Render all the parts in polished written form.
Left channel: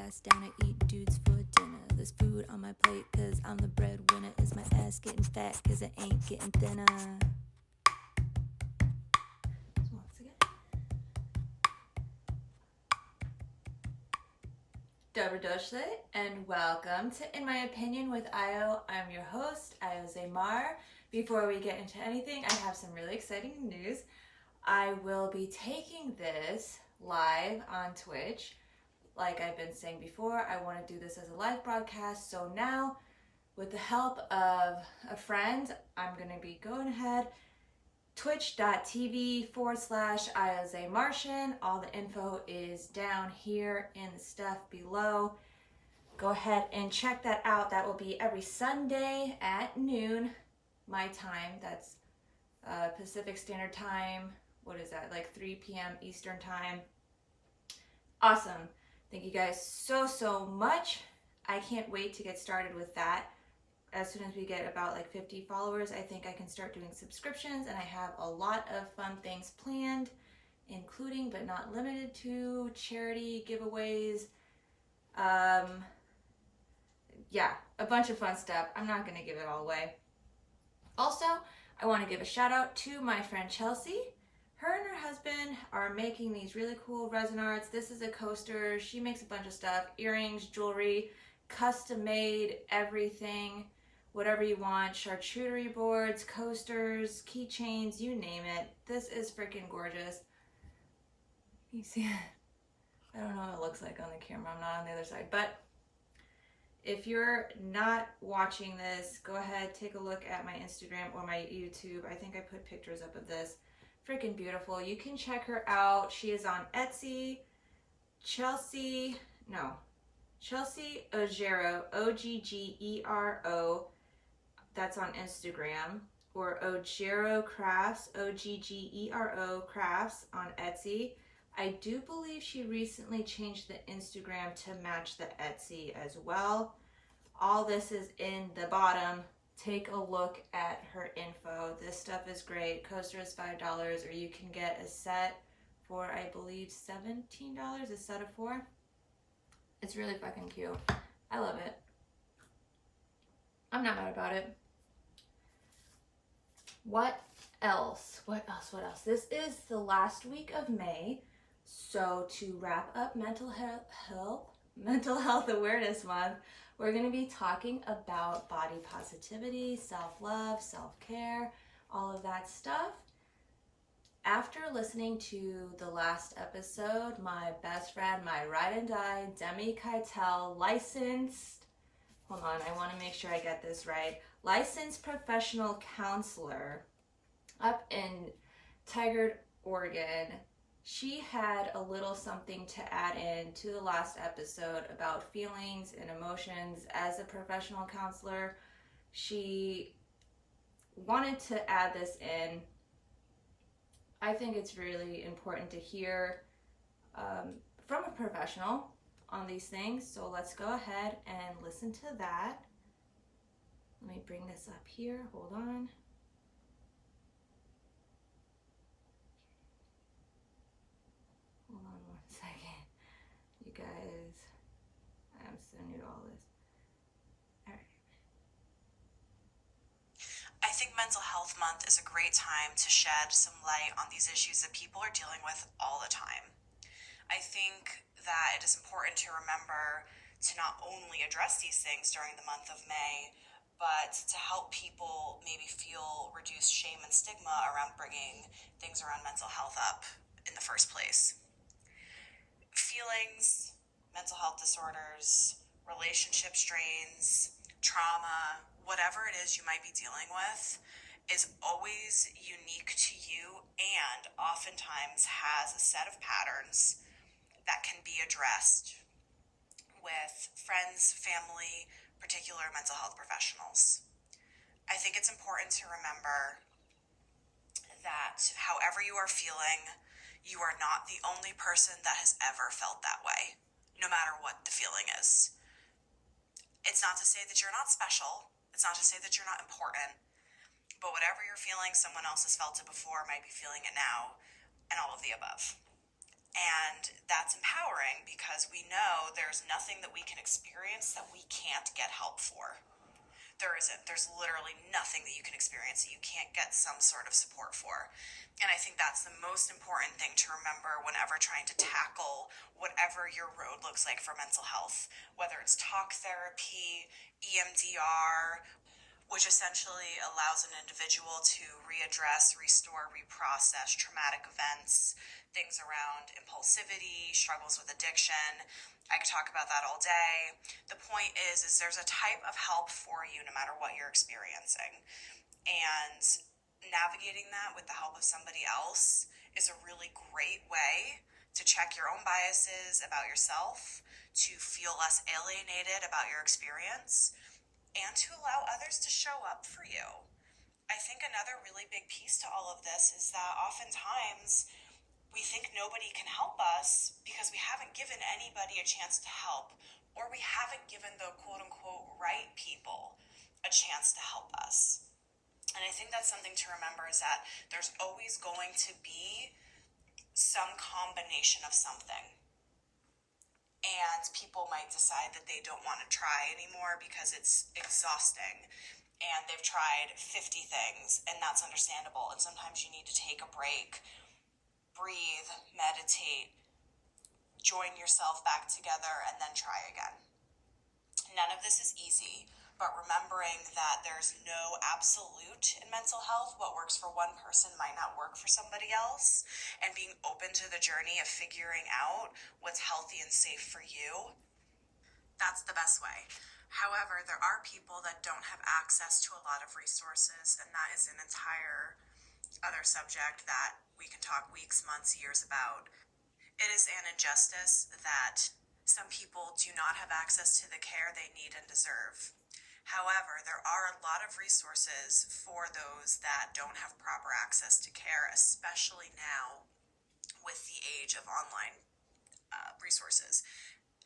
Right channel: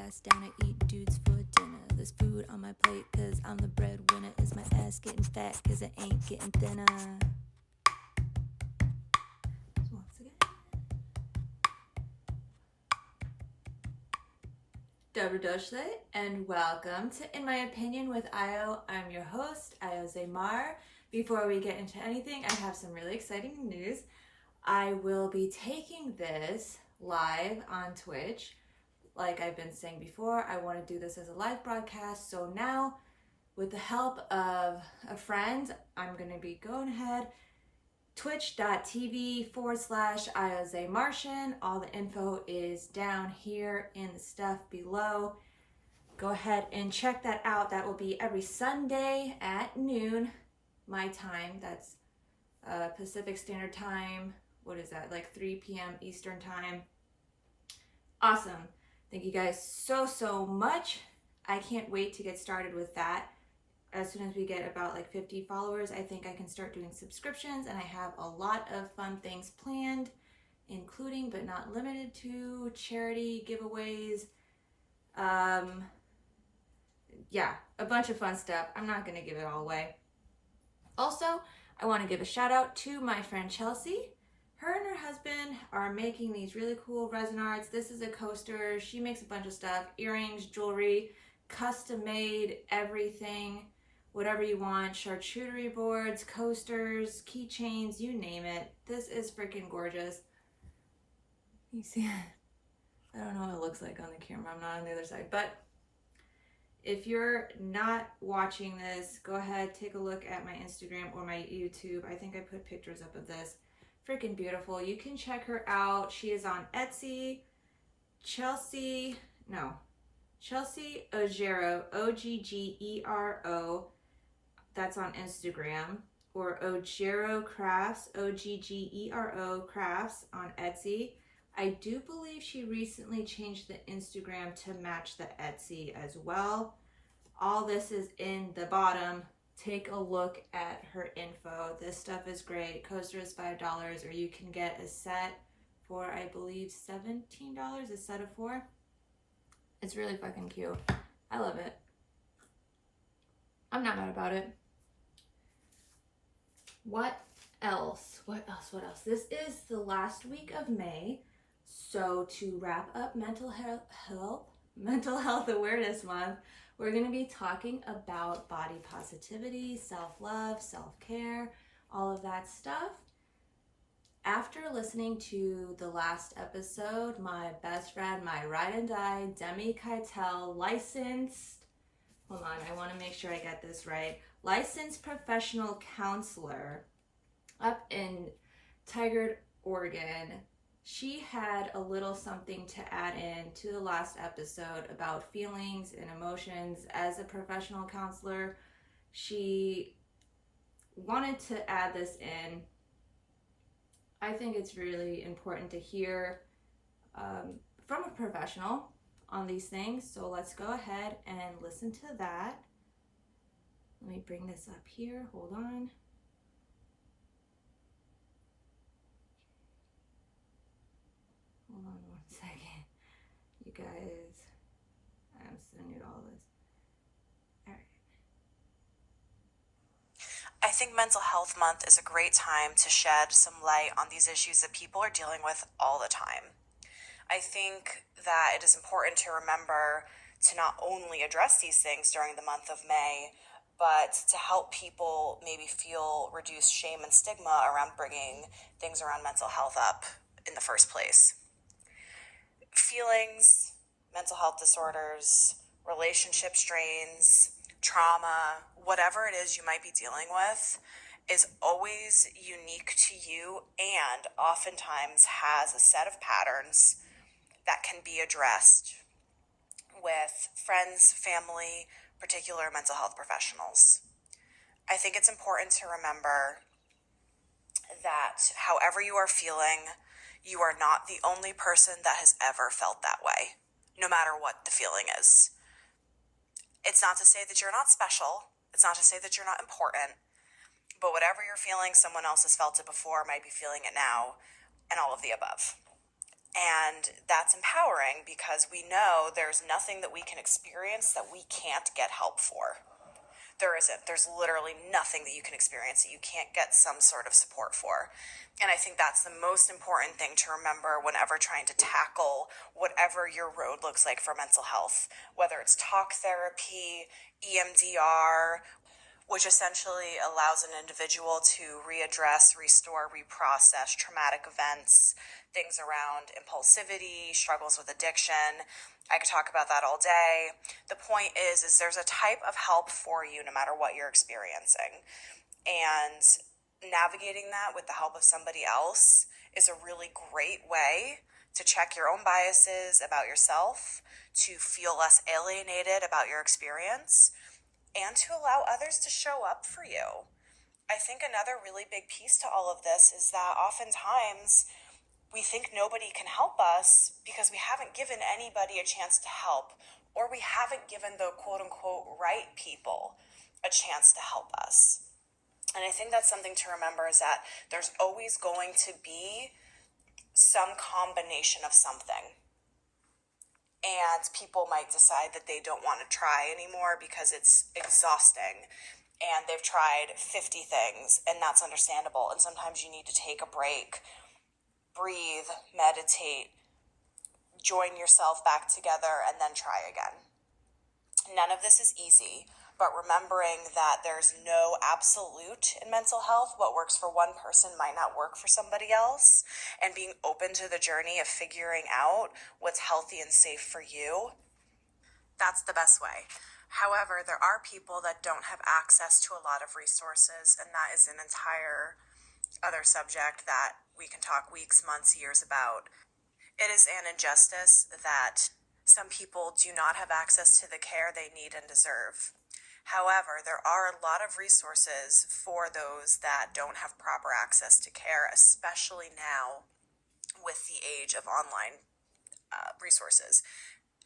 ass down, I eat dudes for dinner. There's food on my plate cause I'm the breadwinner. Is my ass getting fat cause it ain't getting thinner? Once again. Dobrodošli and welcome to In My Opinion with Io. I'm your host, Io Zaymar. Before we get into anything, I have some really exciting news. I will be taking this live on Twitch. Like I've been saying before, I want to do this as a live broadcast. So now, with the help of a friend, I'm going to be going ahead. Twitch.tv/IOZaymartian. All the info is down here in the stuff below. Go ahead and check that out. That will be every Sunday at noon, my time. That's Pacific Standard Time. What is that? Like 3 p.m. Eastern Time. Awesome. Thank you guys so much. I can't wait to get started with that. As soon as we get about like 50 followers, I think I can start doing subscriptions, and I have a lot of fun things planned, including but not limited to charity giveaways. Yeah, a bunch of fun stuff. I'm not going to give it all away. Also, I want to give a shout out to my friend Chelsea. Her and her husband are making these really cool resin arts. This is a coaster. She makes a bunch of stuff, earrings, jewelry, custom made, everything. Whatever you want, charcuterie boards, coasters, keychains, you name it. This is freaking gorgeous. You see it? I don't know what it looks like on the camera. I'm not on the other side. But if you're not watching this, go ahead, take a look at my Instagram or my YouTube. I think I put pictures up of this. Freaking beautiful. You can check her out. She is on Etsy. Chelsea Oggero, Oggero. That's on Instagram, or Oggero Crafts, Oggero Crafts on Etsy. I do believe she recently changed the Instagram to match the Etsy as well. All this is in the bottom. Take a look at her info. This stuff is great. Coaster is $5, or you can get a set for, I believe, $17, a set of 4. It's really fucking cute. I love it. I'm not mad about it. What else? This is the last week of May. So to wrap up Mental Health Awareness Month, we're going to be talking about body positivity, self-love, self-care, all of that stuff. After listening to the last episode, my best friend, my ride and die, Demi Keitel, licensed professional counselor up in Tigard, Oregon. She had a little something to add in to the last episode about feelings and emotions. As a professional counselor, she wanted to add this in. I think it's really important to hear from a professional on these things. So let's go ahead and listen to that. Let me bring this up here. Hold on. Hold on 1 second. You guys, I'm so new to all this. All right. I think Mental Health Month is a great time to shed some light on these issues that people are dealing with all the time. I think that it is important to remember to not only address these things during the month of May, but to help people maybe feel reduced shame and stigma around bringing things around mental health up in the first place. Feelings, mental health disorders, relationship strains, trauma, whatever it is you might be dealing with is always unique to you and oftentimes has a set of patterns that can be addressed with friends, family, particular mental health professionals. I think it's important to remember that however you are feeling, you are not the only person that has ever felt that way, no matter what the feeling is. It's not to say that you're not special. It's not to say that you're not important. But whatever you're feeling, someone else has felt it before, might be feeling it now, and all of the above. And that's empowering because we know there's nothing that we can experience that we can't get help for. There isn't. There's literally nothing that you can experience that you can't get some sort of support for. And I think that's the most important thing to remember whenever trying to tackle whatever your road looks like for mental health, whether it's talk therapy, EMDR, which essentially allows an individual to readdress, restore, reprocess traumatic events, things around impulsivity, struggles with addiction. I could talk about that all day. The point is there's a type of help for you no matter what you're experiencing. And navigating that with the help of somebody else is a really great way to check your own biases about yourself, to feel less alienated about your experience, and to allow others to show up for you. I think another really big piece to all of this is that oftentimes we think nobody can help us because we haven't given anybody a chance to help, or we haven't given the quote unquote right people a chance to help us. And I think that's something to remember, is that there's always going to be some combination of something. And people might decide that they don't want to try anymore because it's exhausting and they've tried 50 things, and that's understandable. And sometimes you need to take a break, breathe, meditate, join yourself back together, and then try again. None of this is easy, but remembering that there's no absolute in mental health. What works for one person might not work for somebody else, and being open to the journey of figuring out what's healthy and safe for you, that's the best way. However, there are people that don't have access to a lot of resources, and that is an entire other subject that we can talk weeks, months, years about. It is an injustice that some people do not have access to the care they need and deserve. However, there are a lot of resources for those that don't have proper access to care, especially now with the age of online resources.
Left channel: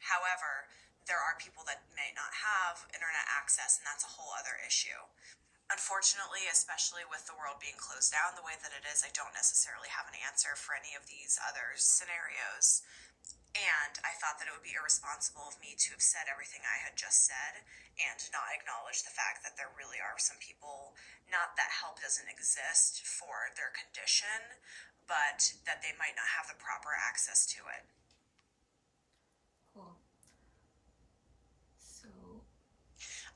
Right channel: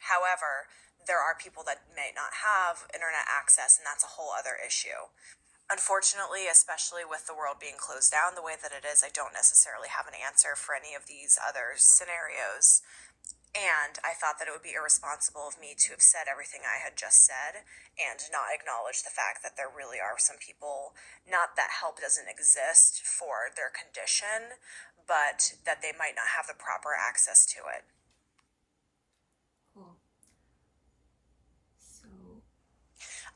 However, there are people that may not have internet access, and that's a whole other issue. Unfortunately, especially with the world being closed down the way that it is, I don't necessarily have an answer for any of these other scenarios. And I thought that it would be irresponsible of me to have said everything I had just said and not acknowledge the fact that there really are some people, not that help doesn't exist for their condition, but that they might not have the proper access to it. Cool. So,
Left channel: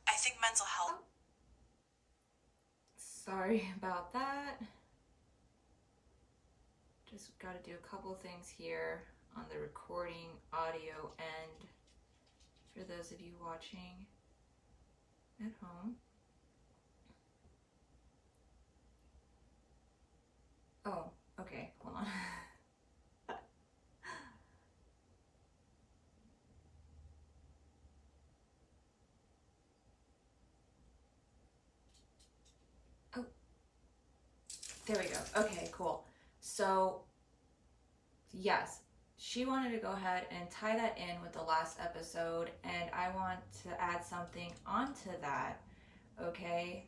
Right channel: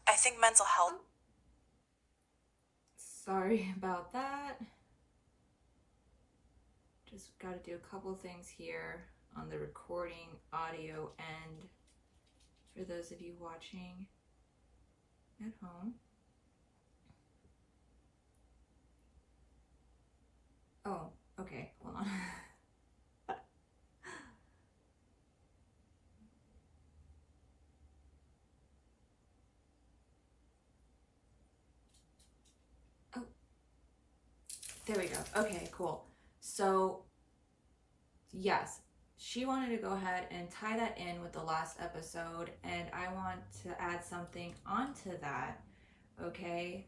I think mental health... Sorry about that. Just got to do a couple things here on the recording audio end for those of you watching at home. Oh, okay, hold on. Oh, there we go. Okay, cool. So, yes, she wanted to go ahead and tie that in with the last episode, and I want to add something onto that, okay,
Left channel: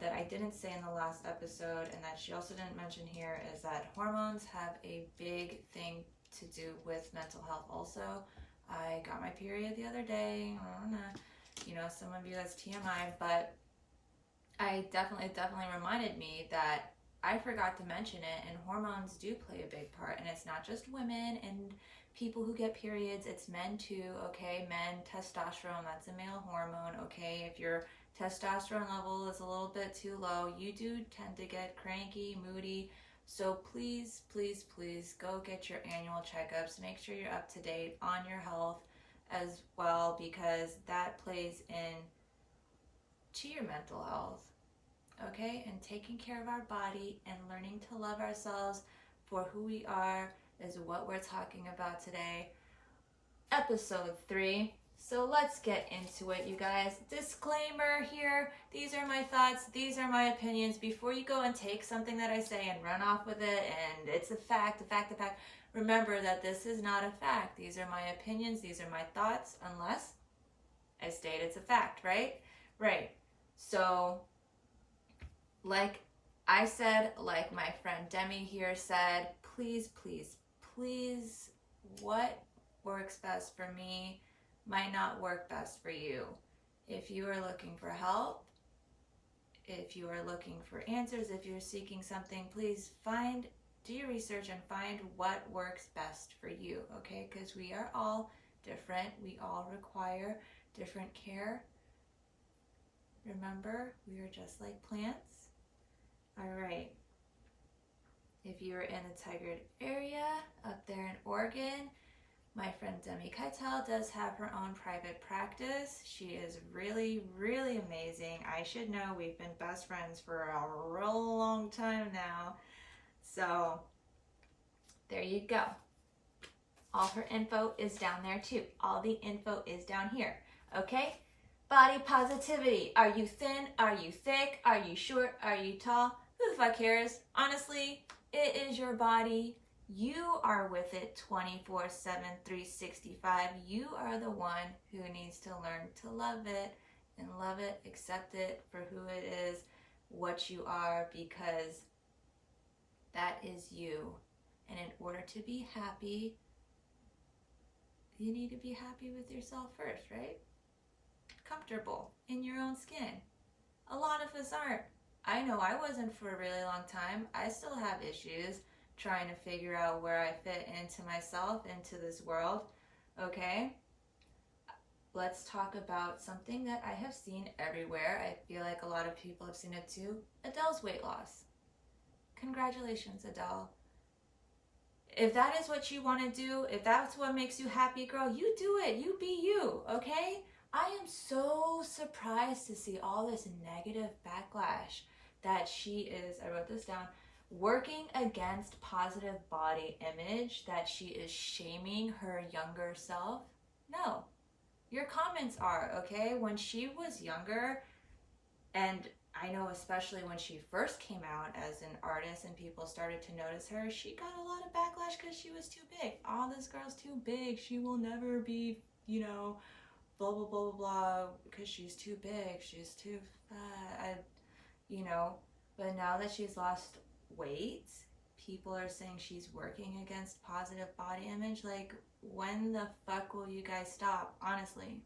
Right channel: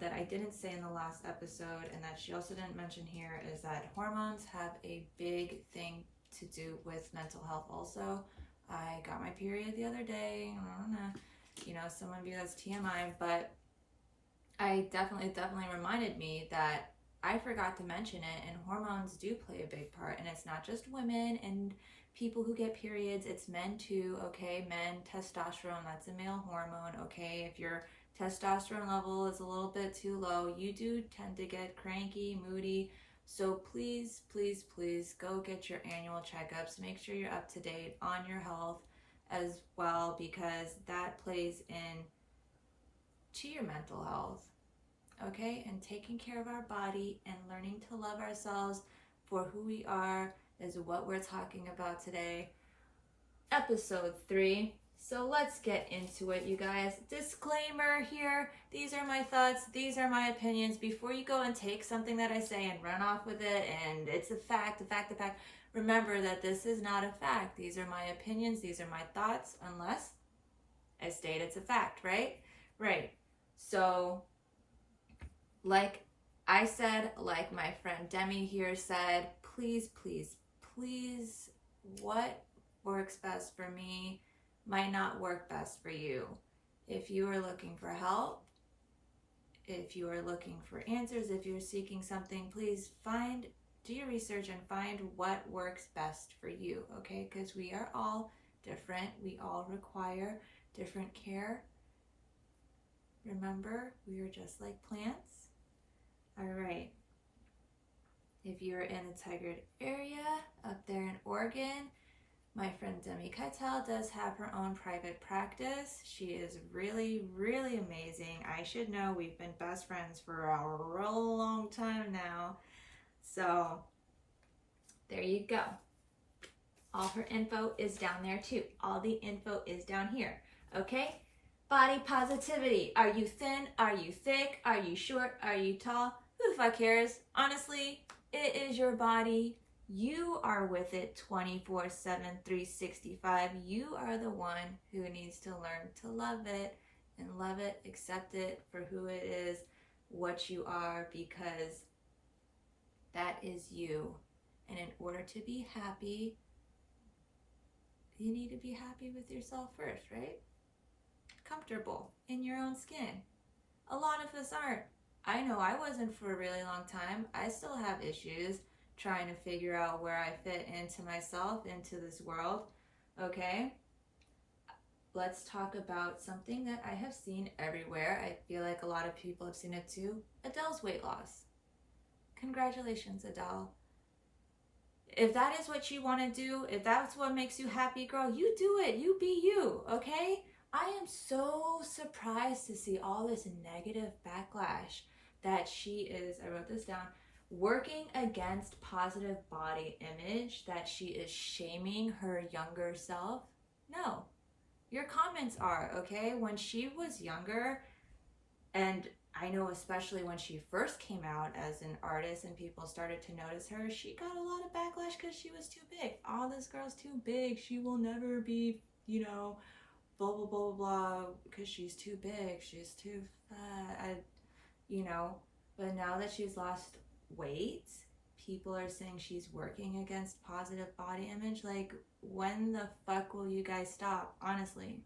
that I didn't say in the last episode, and that she also didn't mention here, is that hormones have a big thing to do with mental health also. I got my period the other day. Some of you that's TMI, but it definitely reminded me that I forgot to mention it, and hormones do play a big part, and it's not just women and people who get periods, it's men too, okay? Men, testosterone, that's a male hormone, okay? If your testosterone level is a little bit too low, you do tend to get cranky, moody, so please, please, please go get your annual checkups. Make sure you're up to date on your health as well, because that plays in to your mental health. Okay, and taking care of our body and learning to love ourselves for who we are is what we're talking about today. Episode 3. So let's get into it, you guys. Disclaimer here. These are my thoughts. These are my opinions. Before you go and take something that I say and run off with it and it's a fact, remember that this is not a fact. These are my opinions. These are my thoughts, unless I state it's a fact, right? Right. So, like I said, like my friend Demi here said, please, please, please, what works best for me might not work best for you. If you are looking for help, if you are looking for answers, if you're seeking something, please do your research and find what works best for you, okay? Because we are all different. We all require different care. Remember, we are just like plants. All right. If you're in the Tigard area, up there in Oregon, my friend Demi Keitel does have her own private practice. She is really, really amazing. I should know, we've been best friends for a real long time now. So there you go. All her info is down there too. All the info is down here, okay? Body positivity. Are you thin? Are you thick? Are you short? Are you tall? Who the fuck cares? Honestly, it is your body. You are with it 24/7, 365. You are the one who needs to learn to love it and love it, accept it for who it is, what you are, because that is you. And in order to be happy, you need to be happy with yourself first, right? Comfortable in your own skin. A lot of us aren't. I know I wasn't for a really long time. I still have issues trying to figure out where I fit into myself, into this world, okay? Let's talk about something that I have seen everywhere. I feel like a lot of people have seen it too. Adele's weight loss. Congratulations, Adele. If that is what you want to do, if that's what makes you happy, girl, you do it. You be you, okay? I am so surprised to see all this negative backlash that she is, I wrote this down, working against positive body image, that she is shaming her younger self. No, your comments are, okay? When she was younger, and I know especially when she first came out as an artist and people started to notice her, she got a lot of backlash because she was too big. Oh, this girl's too big. She will never be, blah, blah, blah, blah, because she's too big. She's too fat, But now that she's lost weight, people are saying she's working against positive body image. Like, when the fuck will you guys stop? Honestly.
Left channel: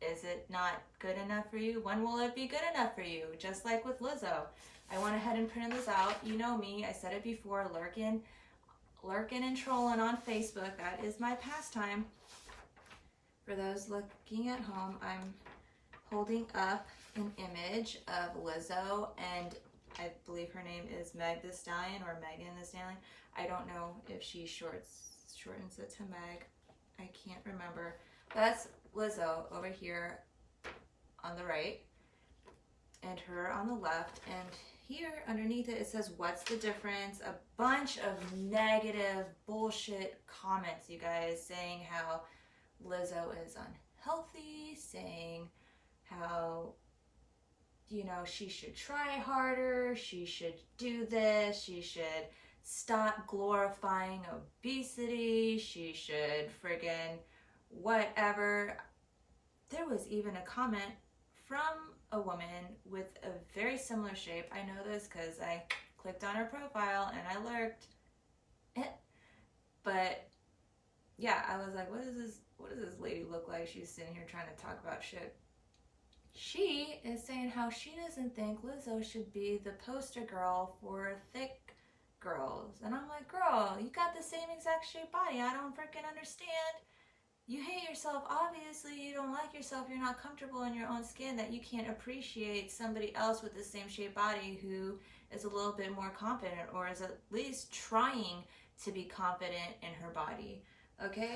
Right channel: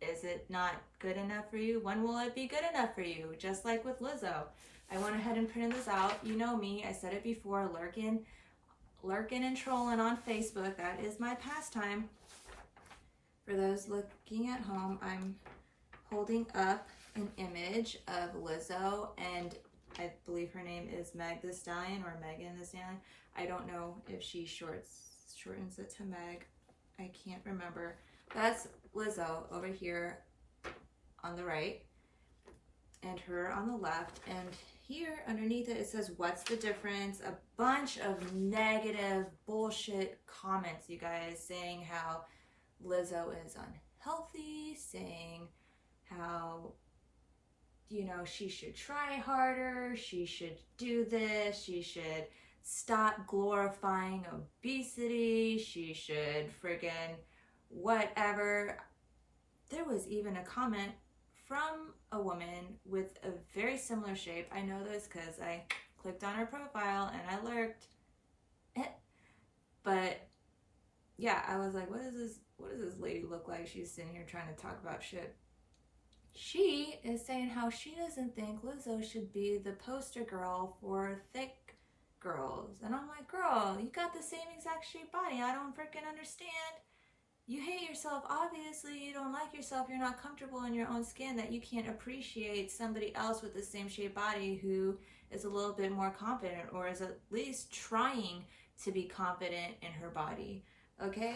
Is it not good enough for you? When will it be good enough for you? Just like with Lizzo. I went ahead and printed this out. You know me. I said it before. Lurking and trolling on Facebook. That is my pastime. For those looking at home, I'm holding up an image of Lizzo, and I believe her name is Meg the Stallion or Megan the Stallion. I don't know if she shortens it to Meg. I can't remember. That's Lizzo over here on the right and her on the left, and here underneath it says, what's the difference? A bunch of negative bullshit comments, you guys, saying how Lizzo is unhealthy, saying how she should try harder, she should do this, she should stop glorifying obesity, she should friggin' whatever. There was even a comment from a woman with a very similar shape. I know this because I clicked on her profile and I lurked. But yeah, I was like, what does this lady look like? She's sitting here trying to talk about shit. She is saying how she doesn't think Lizzo should be the poster girl for thick girls. And I'm like, girl, you got the same exact shaped body. I don't freaking understand. You hate yourself. Obviously, you don't like yourself. You're not comfortable in your own skin, that you can't appreciate somebody else with the same shaped body who is a little bit more confident or is at least trying to be confident in her body. Okay?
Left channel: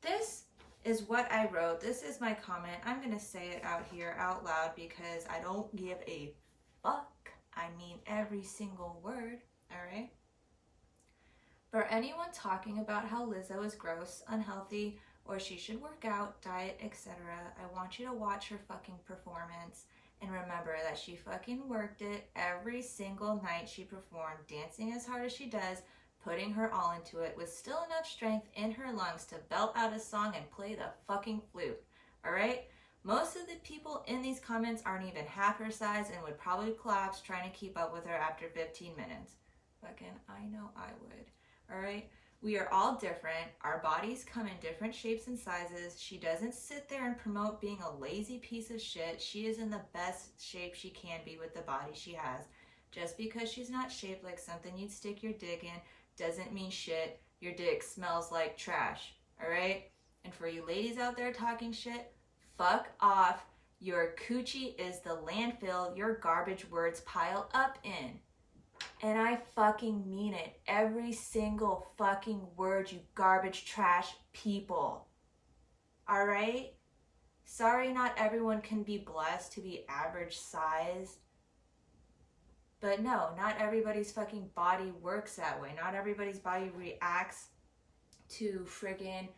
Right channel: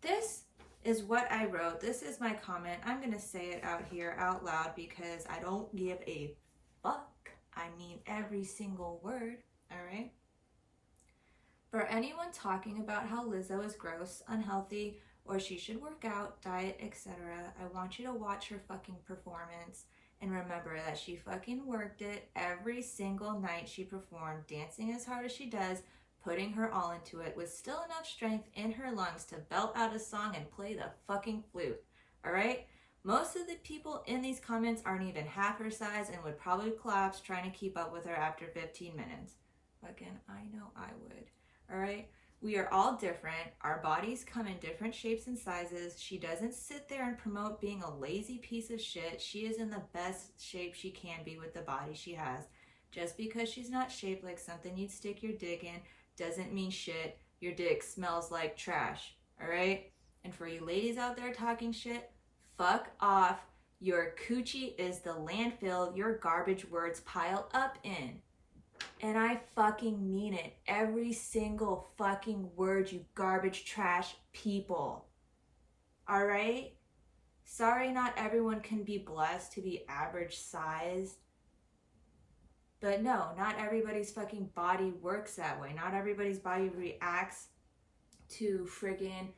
This is what I wrote. This is my comment. I'm going to say it out here out loud because I don't give a fuck. I mean every single word. All right? For anyone talking about how Lizzo is gross, unhealthy, or she should work out, diet, etc., I want you to watch her fucking performance and remember that she fucking worked it every single night she performed, dancing as hard as she does, putting her all into it, with still enough strength in her lungs to belt out a song and play the fucking flute. All right? Most of the people in these comments aren't even half her size and would probably collapse trying to keep up with her after 15 minutes. Fucking, I know I would. all right? We are all different. Our bodies come in different shapes and sizes. She doesn't sit there and promote being a lazy piece of shit. She is in the best shape she can be with the body she has. Just because she's not shaped like something you'd stick your dick in doesn't mean shit. Your dick smells like trash, all right? And for you ladies out there talking shit, fuck off. Your coochie is the landfill your garbage words pile up in. And I fucking mean it. Every single fucking word, you garbage trash people. All right? Sorry, not everyone can be blessed to be average size. But no, not everybody's fucking body works that way. Not everybody's body reacts to friggin'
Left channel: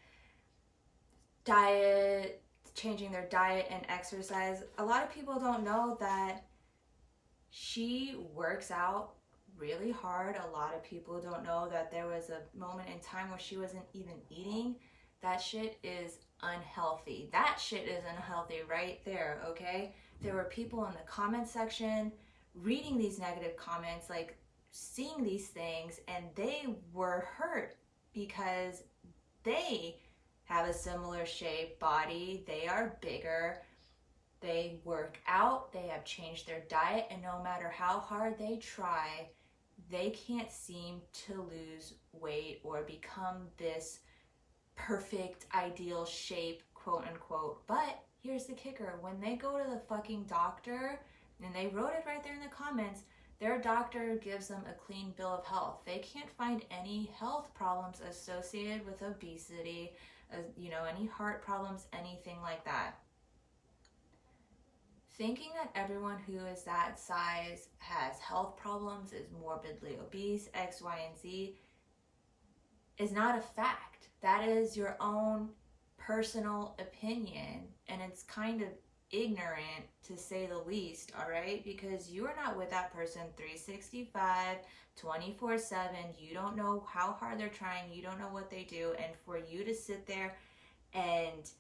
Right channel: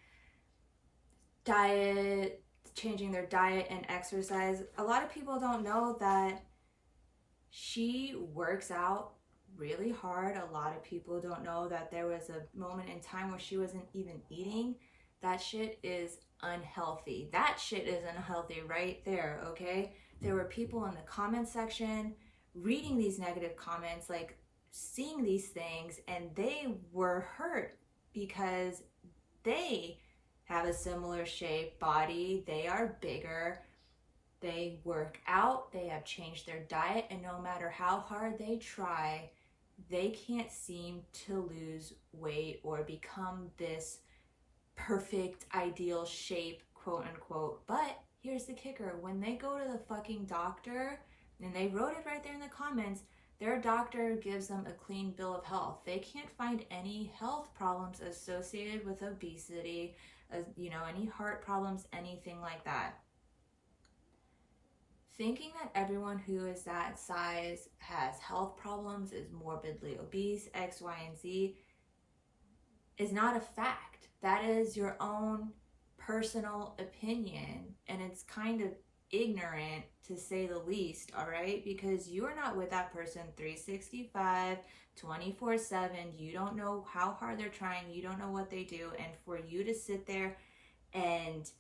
diet, changing their diet and exercise. A lot of people don't know that she works out really hard. A lot of people don't know that there was a moment in time where she wasn't even eating. That shit is unhealthy. That shit is unhealthy right there, okay? There were people in the comment section reading these negative comments, like seeing these things, and they were hurt because they have a similar shape body. They are bigger. They work out. They have changed their diet, and no matter how hard they try, they can't seem to lose weight or become this perfect, ideal shape, quote unquote. But here's the kicker. When they go to the fucking doctor, and they wrote it right there in the comments, their doctor gives them a clean bill of health. They can't find any health problems associated with obesity, any heart problems, anything like that. Thinking that everyone who is that size has health problems, is morbidly obese, X, Y, and Z, is not a fact. That is your own personal opinion, and it's kind of ignorant to say the least, all right? Because you are not with that person 365, 24/7. You don't know how hard they're trying. You don't know what they do. And for you to sit there and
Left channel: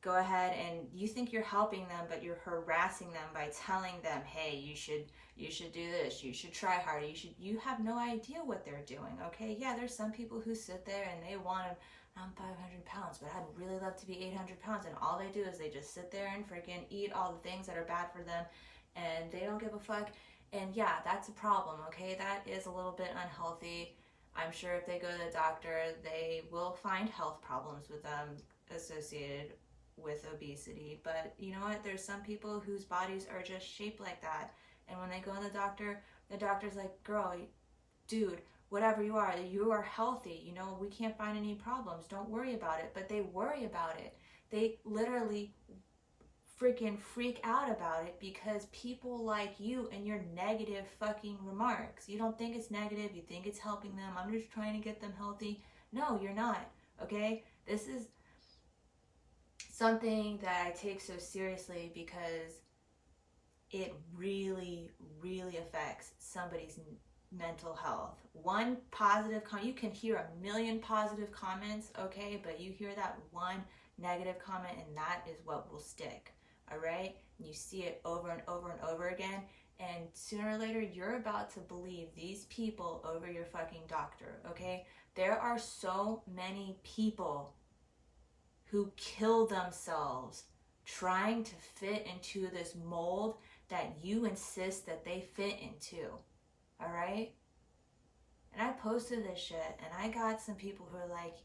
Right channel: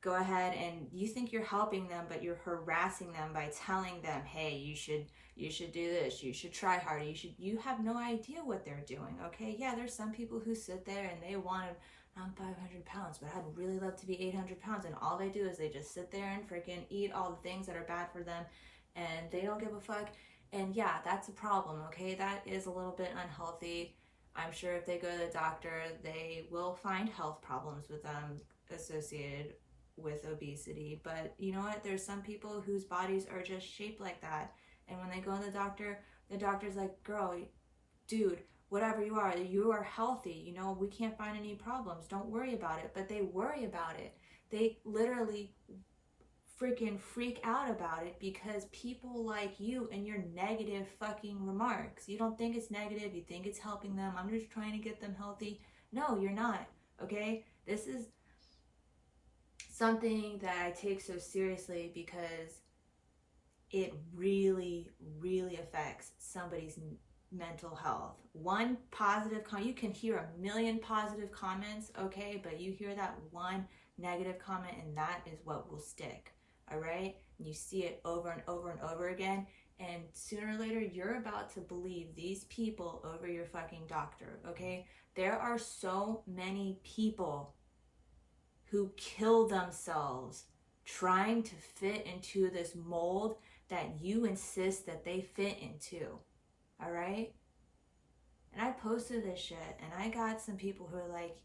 go ahead and you think you're helping them, but you're harassing them by telling them, hey, you should do this, you should try harder, you have no idea what they're doing, okay? Yeah, there's some people who sit there and they want to, I'm 500 pounds, but I'd really love to be 800 pounds, and all they do is they just sit there and freaking eat all the things that are bad for them, and they don't give a fuck. And yeah, that's a problem, okay? That is a little bit unhealthy. I'm sure if they go to the doctor, they will find health problems with them associated with obesity. But you know what? There's some people whose bodies are just shaped like that. And when they go to the doctor's like, girl, dude, whatever you are healthy. We can't find any problems. Don't worry about it. But they worry about it. They literally freaking freak out about it because people like you and your negative fucking remarks. You don't think it's negative. You think it's helping them. I'm just trying to get them healthy. No, you're not. Okay? This is something that I take so seriously because it really, really affects somebody's mental health. One positive comment, you can hear a million positive comments, okay, but you hear that one negative comment and that is what will stick, all right? And you see it over and over and over again, and sooner or later you're about to believe these people over your fucking doctor, okay? There are so many people who kill themselves trying to fit into this mold that you insist that they fit into, all right? And I posted this shit, and I got some people who are like,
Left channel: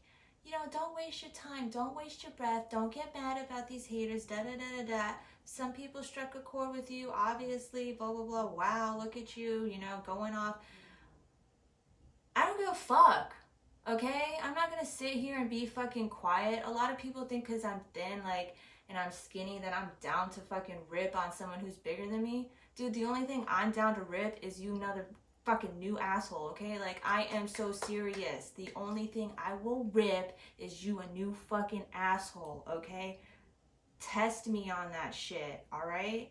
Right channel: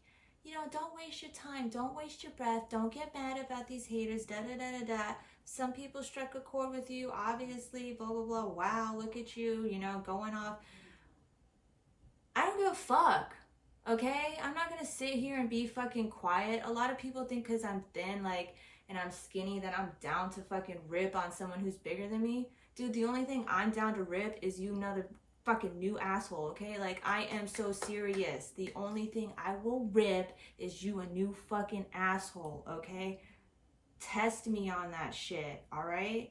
don't waste your time, don't waste your breath, don't get mad about these haters, da-da-da-da-da. Some people struck a chord with you, obviously, blah, blah, blah. Wow, look at you, going off. I don't give a fuck. Okay, I'm not gonna sit here and be fucking quiet. A lot of people think because I'm thin, and I'm skinny, that I'm down to fucking rip on someone who's bigger than me. Dude, the only thing I'm down to rip is you another fucking new asshole, okay? I am so serious. The only thing I will rip is you a new fucking asshole, okay? Test me on that shit, all right?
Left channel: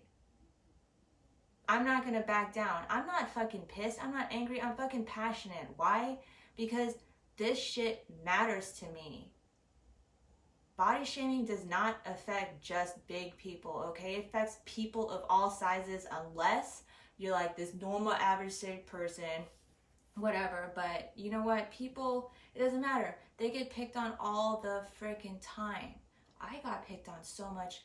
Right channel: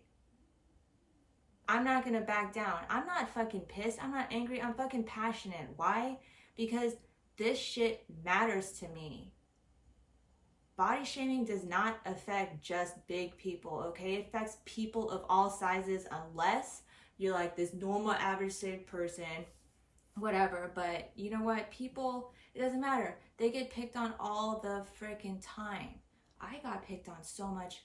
I'm not gonna back down. I'm not fucking pissed. I'm not angry. I'm fucking passionate. Why? Because this shit matters to me. Body shaming does not affect just big people, okay? It affects people of all sizes unless you're like this normal average shaped person, whatever. But you know what? People It doesn't matter. They get picked on all the freaking time. I got picked on so much,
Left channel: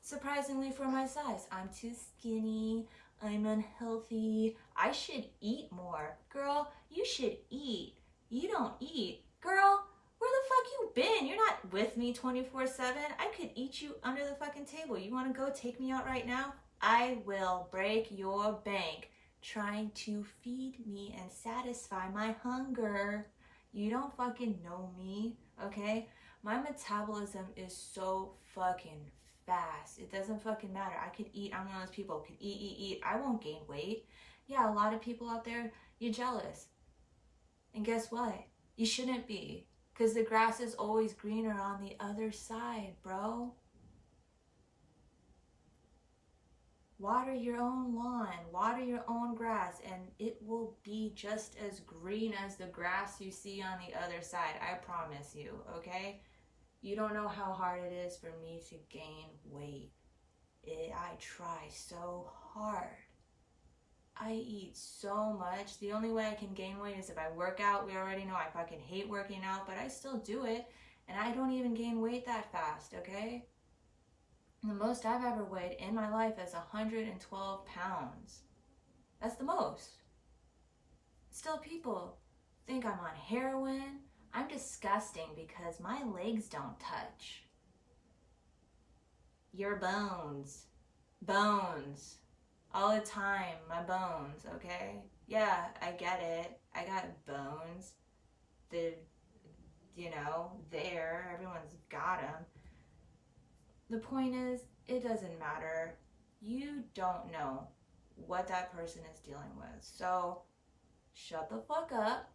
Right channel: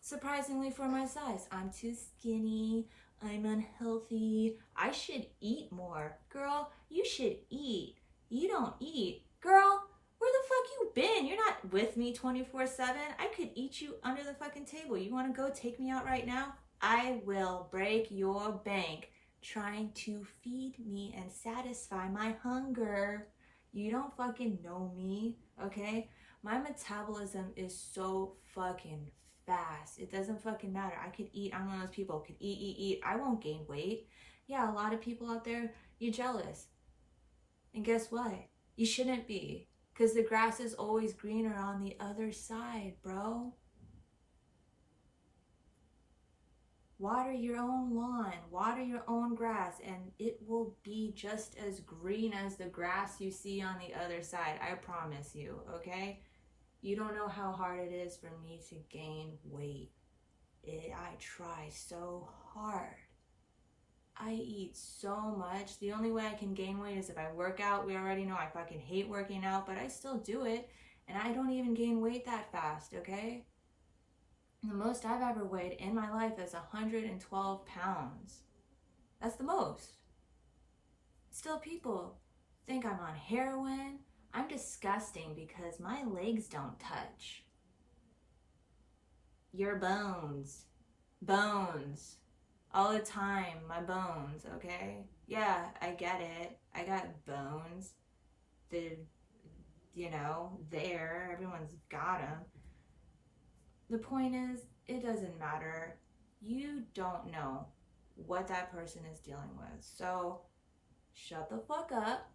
surprisingly, for my size. I'm too skinny. I'm unhealthy. I should eat more. Girl, you should eat. You don't eat. Girl, where the fuck you been? You're not with me 24/7. I could eat you under the fucking table. You want to go take me out right now? I will break your bank trying to feed me and satisfy my hunger. You don't fucking know me, okay? My metabolism is so fucking fast. It doesn't fucking matter. I could eat. I'm one of those people who could eat. I won't gain weight. Yeah, a lot of people out there, you're jealous. And guess what? You shouldn't be. Because the grass is always greener on the other side, bro. Water your own lawn, water your own grass, and it will be just as green as the grass you see on the other side. I promise you, okay? You don't know how hard it is for me to gain weight. I try so hard. I eat so much. The only way I can gain weight is if I work out. We already know I fucking hate working out, but I still do it. And I don't even gain weight that fast, okay? The most I've ever weighed in my life is 112 pounds. That's the most. Still, people think I'm on heroin. I'm disgusting because my legs don't touch. Your bones. Bones. All the time, my bones, okay? Yeah, I get it. I got bones. There. Everyone's got them. The point is, it doesn't matter. You don't know what that person is dealing with. So, shut the fuck up.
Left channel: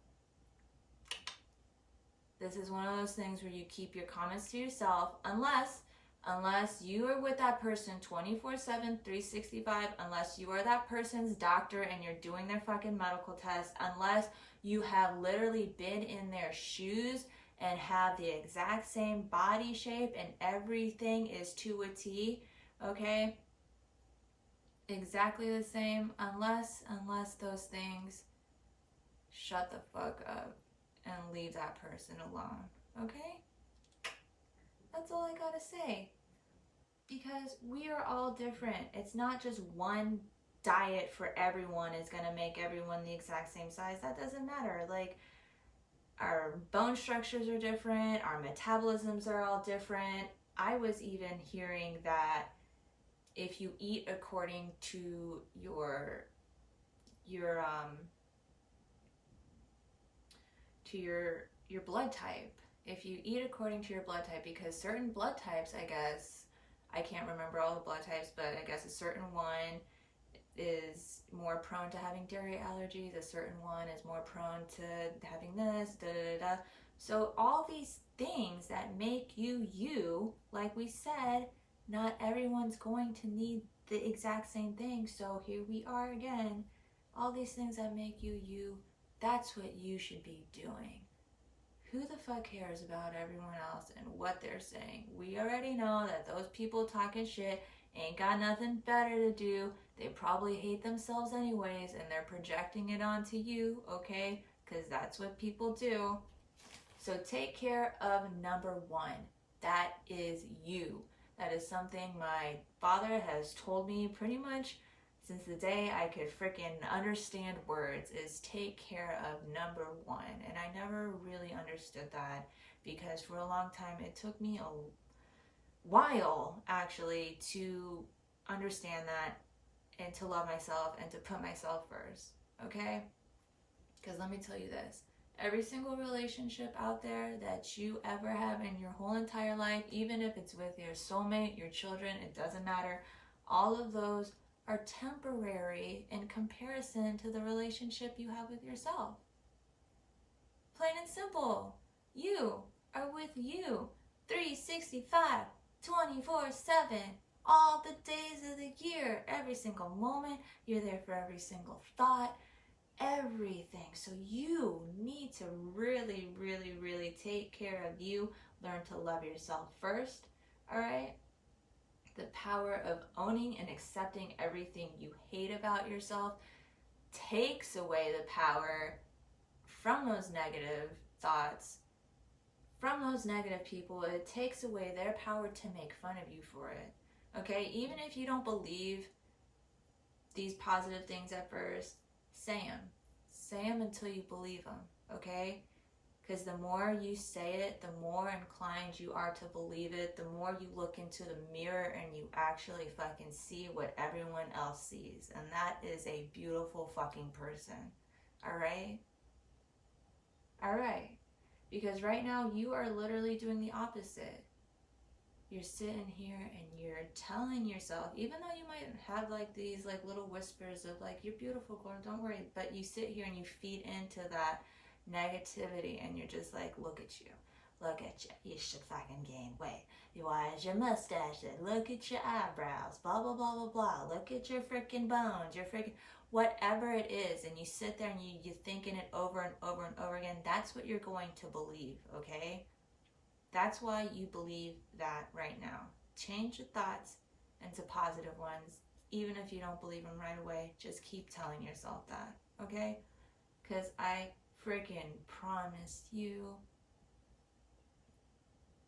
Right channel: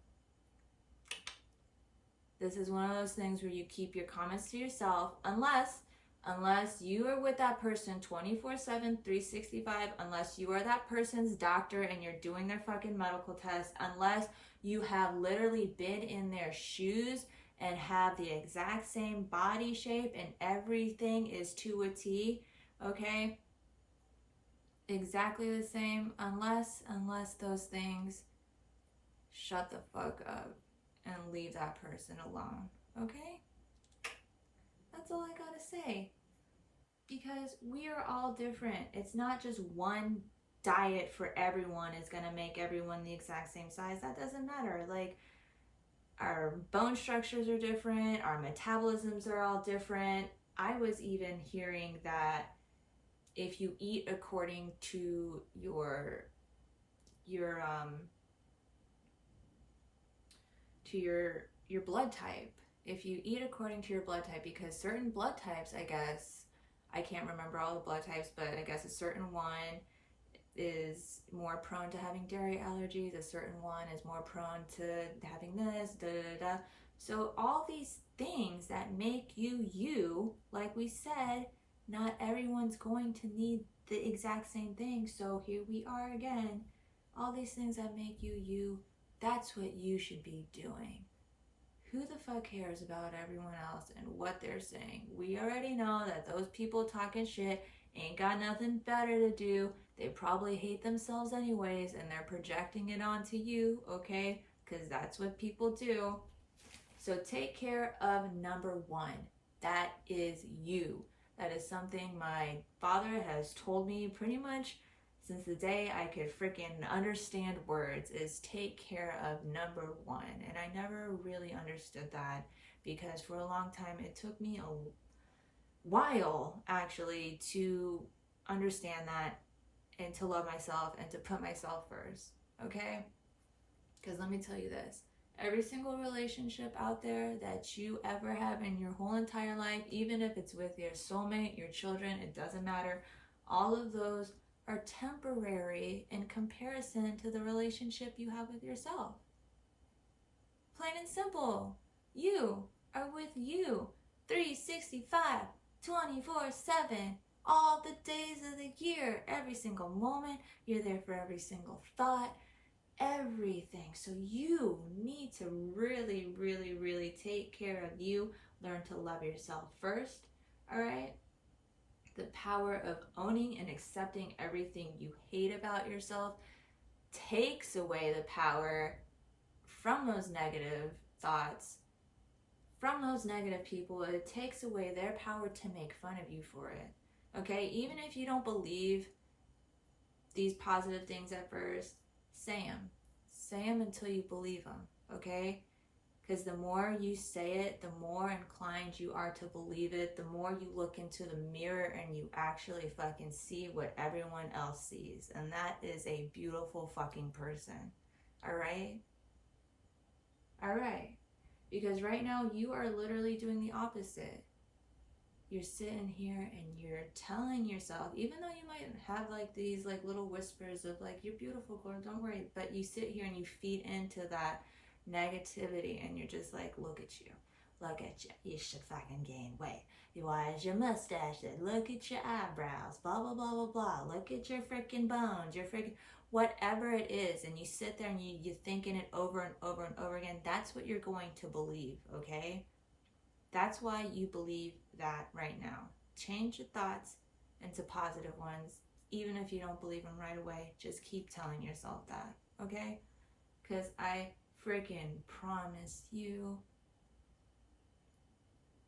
This is one of those things where you keep your comments to yourself, unless you are with that person 24/7, 365, unless you are that person's doctor and you're doing their fucking medical test, unless you have literally been in their shoes and have the exact same body shape and everything is to a T, okay? Exactly the same, unless those things, shut the fuck up and leave that person alone, okay? That's all I gotta say. Because we are all different. It's not just one diet for everyone is gonna make everyone the exact same size. That doesn't matter. Like, our bone structures are different, our metabolisms are all different. I was even hearing that if you eat according to your blood type, if you eat according to your blood type, because certain blood types, I guess, I can't remember all the blood types, but I guess a certain one is more prone to having dairy allergies, a certain one is more prone to having this, So all these things that make you, like we said, not everyone's going to need the exact same thing. So here we are again. All these things that make you, that's what you should be doing. Who the fuck cares about everyone else and what they're saying? We already know that those people talking shit ain't got nothing better to do. They probably hate themselves anyways, and they're projecting it onto you, okay? Because that's what people do. So take care of number one. That is you. That is something my father has told me pretty much since the day I could freaking understand words, is take care of number one. And I never really understood that, because for a long time it took me a while actually to understand that and to love myself and to put myself first, okay? Because let me tell you this, every single relationship out there that you ever have in your whole entire life, even if it's with your soulmate, your children, it doesn't matter, all of those are temporary in comparison to the relationship you have with yourself. Plain and simple. You are with you 365, 24/7, all the days of the year, every single moment. You're there for every single thought, everything. So you need to really, really, really take care of you. Learn to love yourself first, all right? The power of owning and accepting everything you hate about yourself takes away the power from those negative thoughts from those negative people, it takes away their power to make fun of you for it. Okay? Even if you don't believe these positive things at first, say them. Say them until you believe them. Okay? Because the more you say it, the more inclined you are to believe it, the more you look into the mirror and you actually fucking see what everyone else sees. And that is a beautiful fucking person. Alright? Alright. Because right now you are literally doing the opposite. You're sitting here and you're telling yourself, even though you might have like these like little whispers of like, you're beautiful, girl, don't worry. But you sit here and you feed into that negativity and you're just like, look at you, you should fucking gain weight, why is your mustache, look at your eyebrows, blah blah blah blah blah, look at your freaking bones, your freaking whatever it is, and you sit there and you're thinking it over and over and over again. That's what you're going to believe. Okay, that's why you believe that right now. Change your thoughts into positive ones. Even if you don't believe them right away, just keep telling yourself that. Okay, because I freaking promise you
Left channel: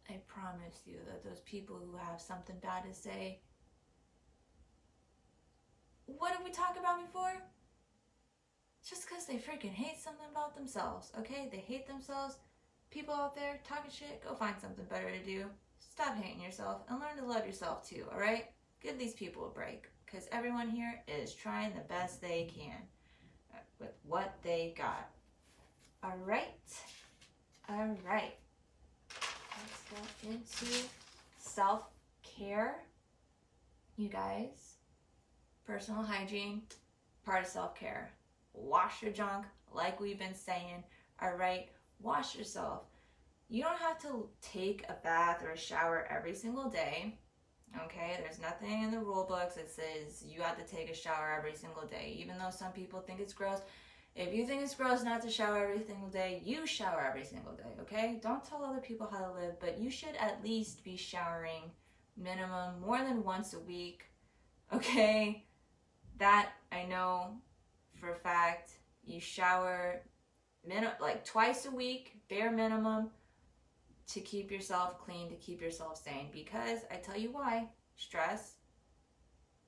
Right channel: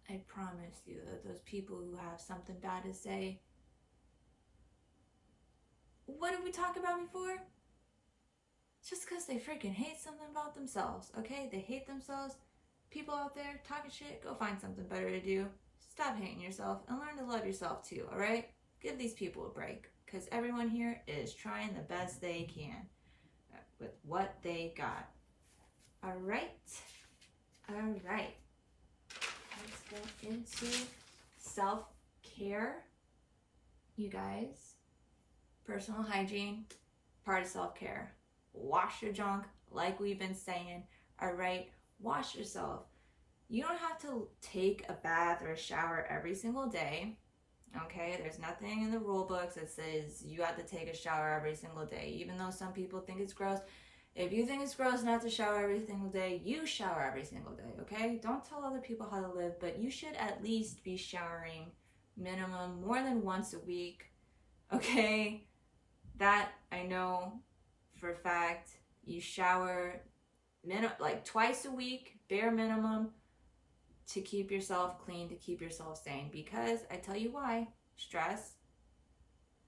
that those people who have something bad to say, what did we talk about before? Just because they freaking hate something about themselves, okay? They hate themselves. People out there talking shit, go find something better to do. Stop hating yourself and learn to love yourself too, alright? Give these people a break, because everyone here is trying the best they can with what they got. Alright. Let's go into self-care. You guys, personal hygiene, part of self-care. Wash your junk, like we've been saying. Alright, wash yourself. You don't have to take a bath or a shower every single day. Okay, there's nothing in the rule books that says you have to take a shower every single day, even though some people think it's gross. If you think it's gross not to shower every single day, you shower every single day, okay? Don't tell other people how to live, but you should at least be showering minimum more than once a week, okay? That I know for a fact. You shower like twice a week, bare minimum, to keep yourself clean, to keep yourself sane. Because I tell you why, stress.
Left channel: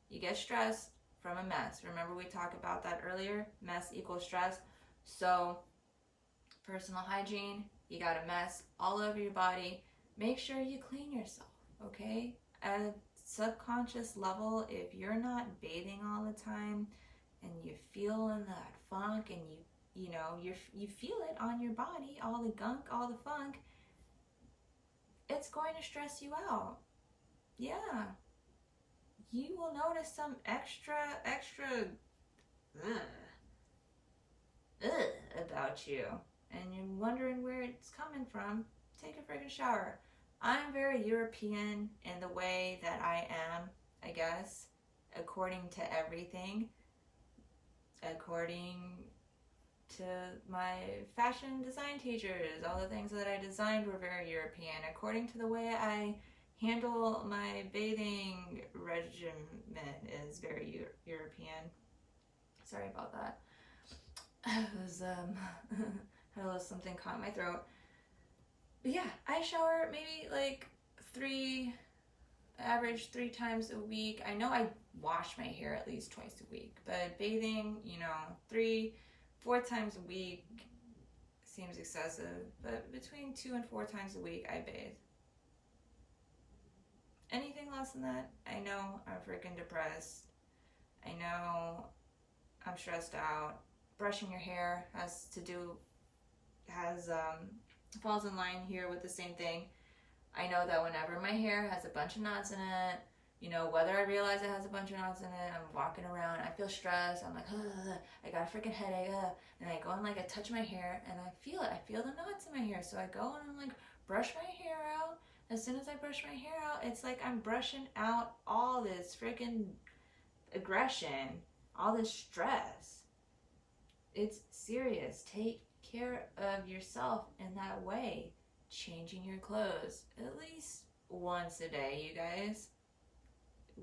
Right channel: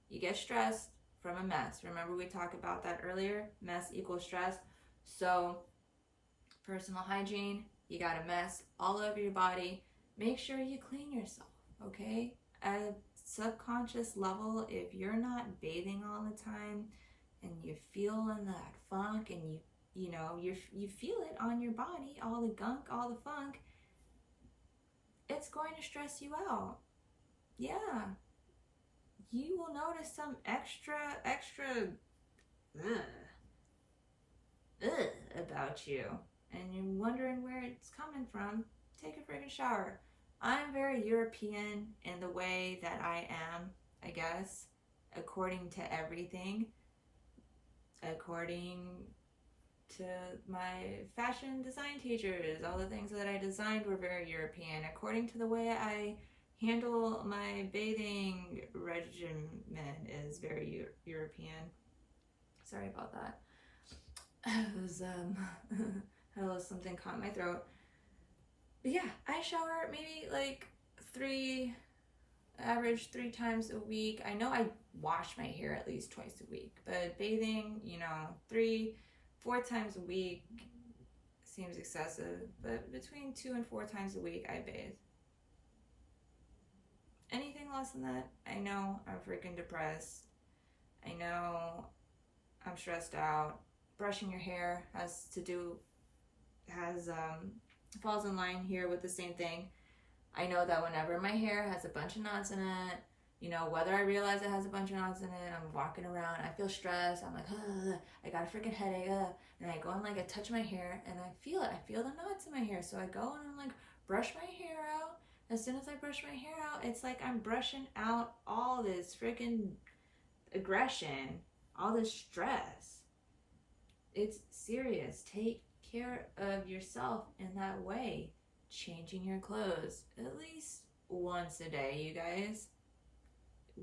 You get stressed from a mess. Remember we talked about that earlier? Mess equals stress. So personal hygiene, you got a mess all over your body. Make sure you clean yourself, okay? At a subconscious level, if you're not bathing all the time and you're feeling that funk and you feel it on your body, all the gunk, all the funk, it's going to stress you out. Yeah. You will notice some extra about you, and you're wondering where it's coming from. Take a freaking shower. I'm very European in the way that I am, I guess, according to everything. According to my fashion design teachers, all the things that I designed were very European. According to the way I handle my bathing regimen is very European. Sorry about that. It was had a little something caught in my throat. But yeah, I shower maybe like average 3 times a week. I know I wash my hair at least twice a week, but bathing, 3-4 times a week seems excessive. But between 2 and 4 times a week, I bathe. Anything less than that, I know I'm freaking depressed. I know I'm stressed out. Brushing your hair falls in line here with the same thing. I know that whenever my hair has a bunch of knots in it, whether I realize it has a bunch of knots in it, I'm walking around, I feel stressed, I'm like, I got a freaking headache, and I go and I touch my hair, and I feel it, I feel the knots in my hair, so I go and I'm brush my hair out. As soon as I brush my hair out, it's like I'm brushing out all this freaking aggression, all this stress. It's serious. Take care of yourself in that way. Changing your clothes at least once a day, you guys.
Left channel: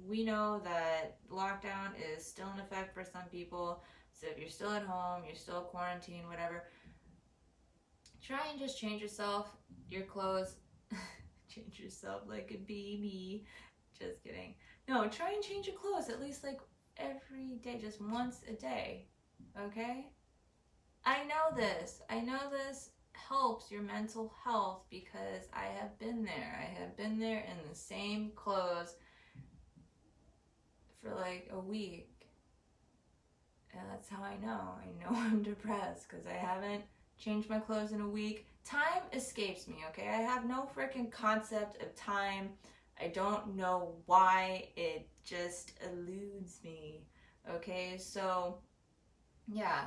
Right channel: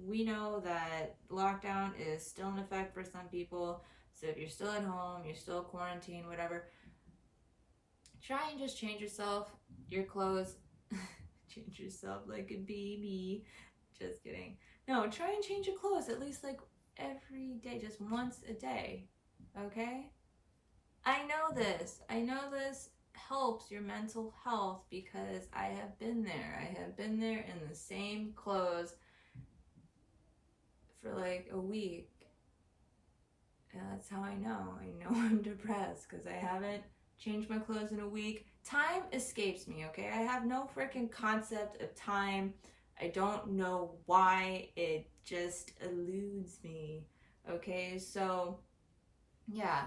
We know that lockdown is still in effect for some people. So if you're still at home, you're still quarantined, whatever, Try and just change yourself, your clothes. Change yourself like a baby. Just kidding. No, try and change your clothes at least like every day, just once a day. Okay? I know this helps your mental health because I have been there. I have been there in the same clothes for like a week. And that's how I know. I know I'm depressed because I haven't changed my clothes in a week. Time escapes me, okay? I have no freaking concept of time. I don't know why. It just eludes me, okay? So, yeah,